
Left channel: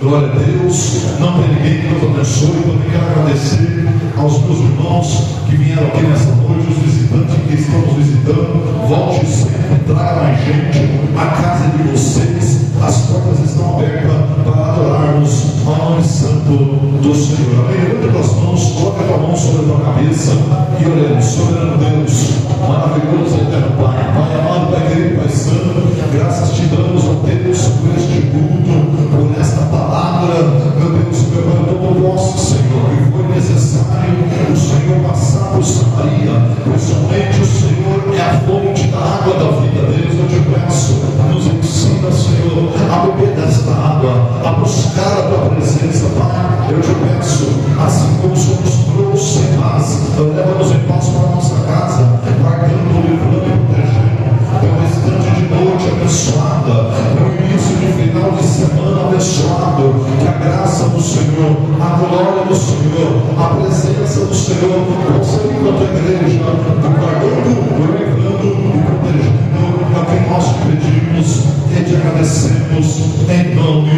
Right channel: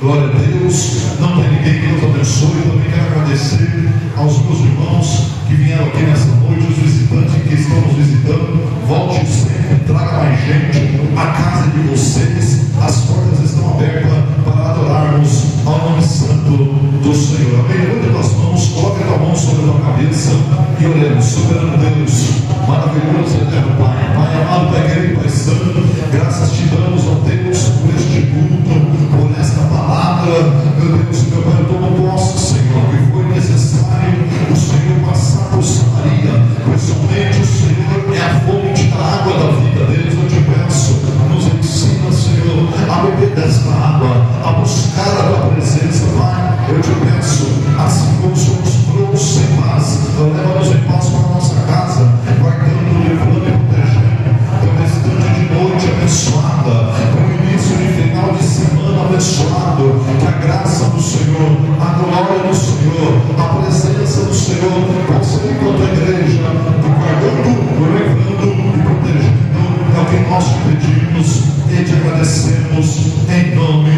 Glória a Deus. Não tem ninguém. Que Deus abençoe. Também quero agradecer aos meus irmãos que vieram aqui nessa noite, os visitantes que estão nos visitando. Volte sempre, traga mais gente. A casa de vocês, as portas estão abertas para adorarmos ao nome santo do Senhor. Amém? Levante tuas mãos, coloque a tua mão sobre a tua cabeça e oremos. Soberano Deus, maravilhoso eterno Pai, Pai amado, Pai querido, Pai santo, graças te damos, ó Deus, por este culto, por esta palavra, meu Deus, meu Pai, todo posso, Senhor, que foi necessário o Senhor passar por Samaria, pois somente o Senhor é a fonte da água da vida. Deus, eu te peço, nos ensina, Senhor, a beber desta água, a buscar a tua presença, Pai. Eu te peço, assim como o Senhor nos trouxe em paz, leva-nos em paz para a nossa casa, guardando, livrando e protegendo, o restante de noite abençoada, o início de final de semana abençoado, que a graça do Senhor, a glória do Senhor, a presença do Senhor, você enquanto igreja, guardando, livrando e protegendo, é o que nós te pedimos e te agradecemos em nome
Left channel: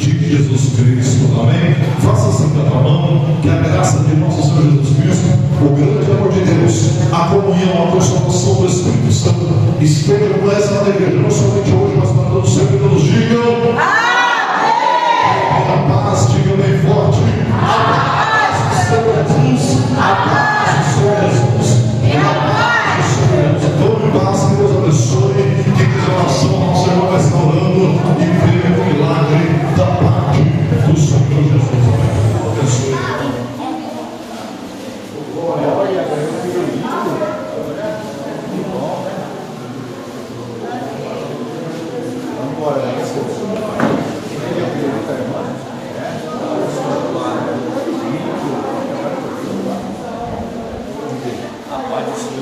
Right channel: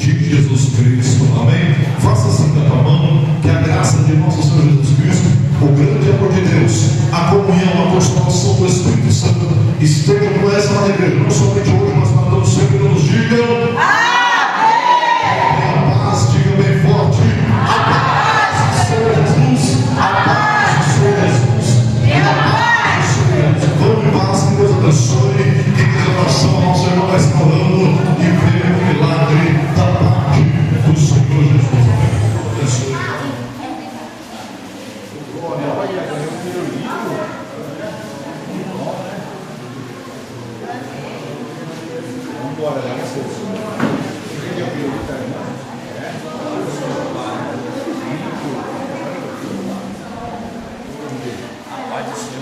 de Jesus Cristo. Amém? Faça assim com a tua mão, que a graça de nosso Senhor Jesus Cristo, o grande amor de Deus, a comunhão, a consolação do Espírito Santo esteja com essa na igreja, não somente hoje, mas para todos sempre. Nos digam a paz, diga bem forte, a paz do Senhor Jesus, a paz do Senhor Jesus, a paz do Senhor Jesus. Vamos em paz, que Deus abençoe, que em relação ao Senhor vai estar orando e ver o milagre da parte do Senhor Jesus. Abençoe.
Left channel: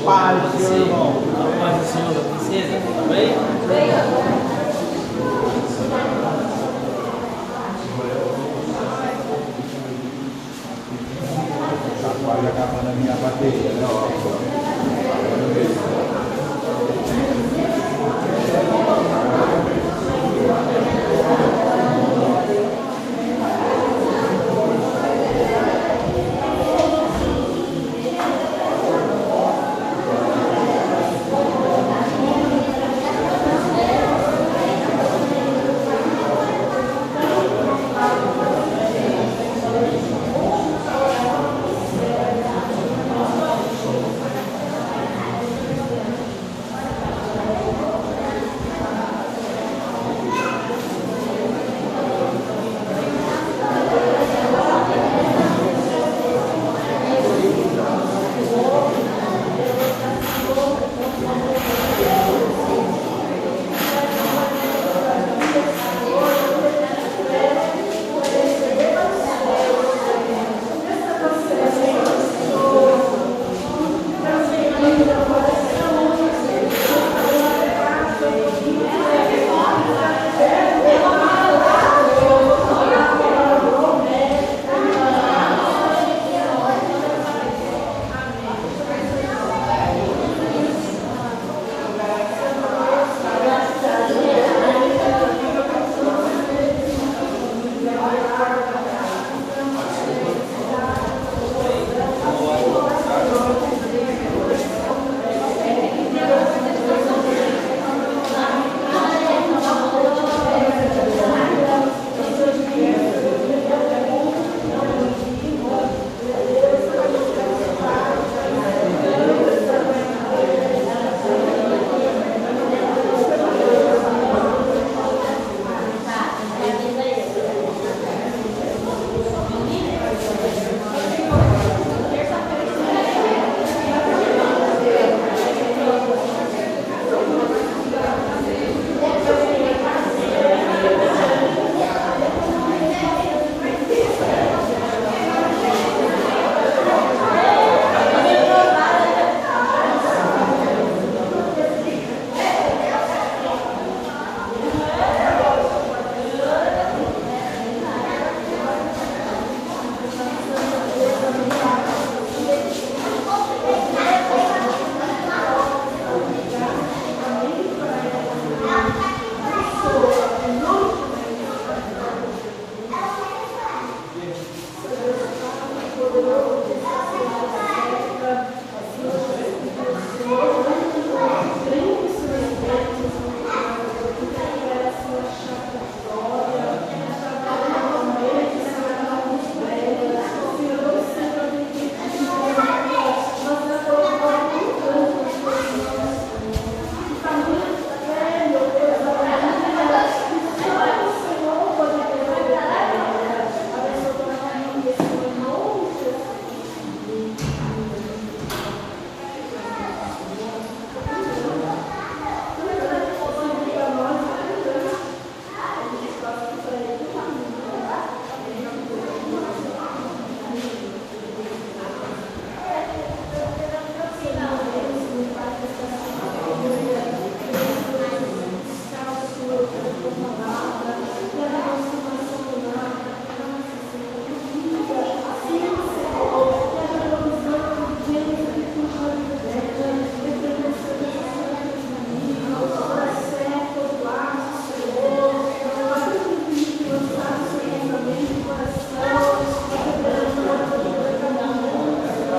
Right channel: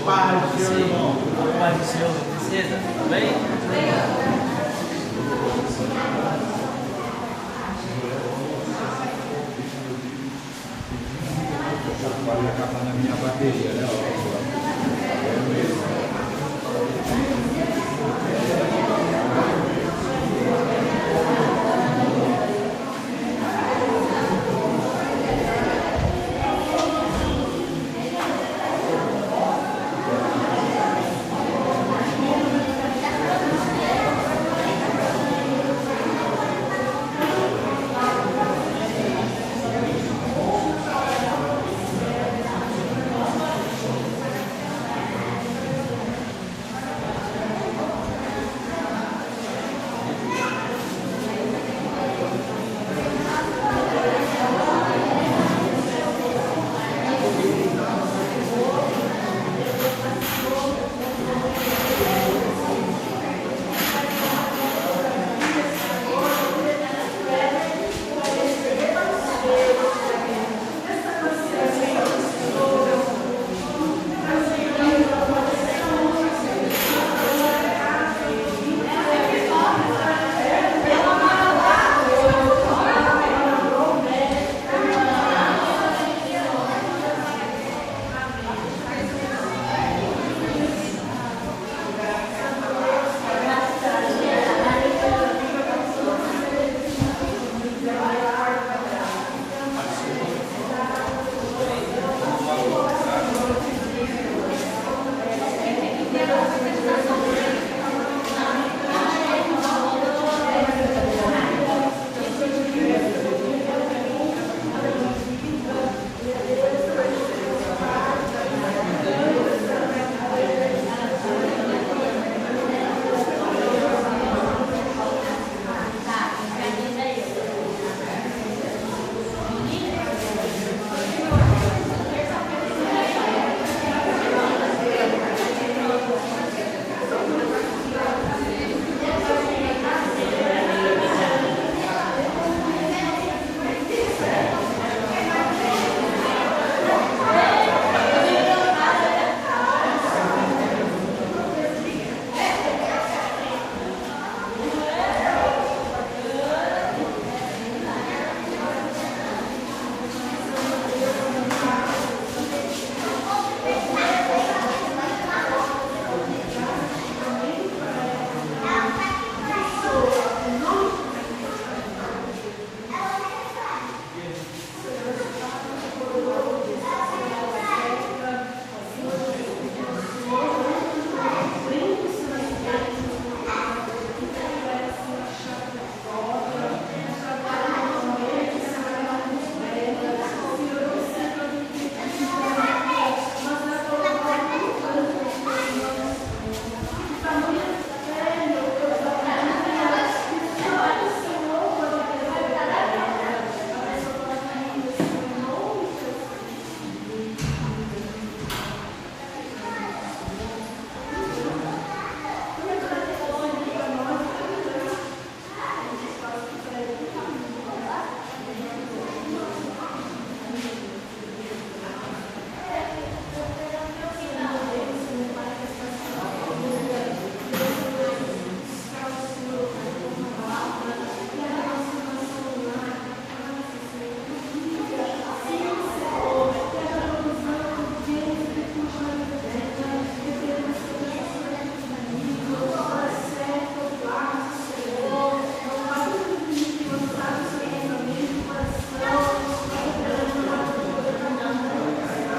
Paz do Senhor, irmão. Paz do Senhor, princesa. Amém? Pode acabar na minha bateria, né?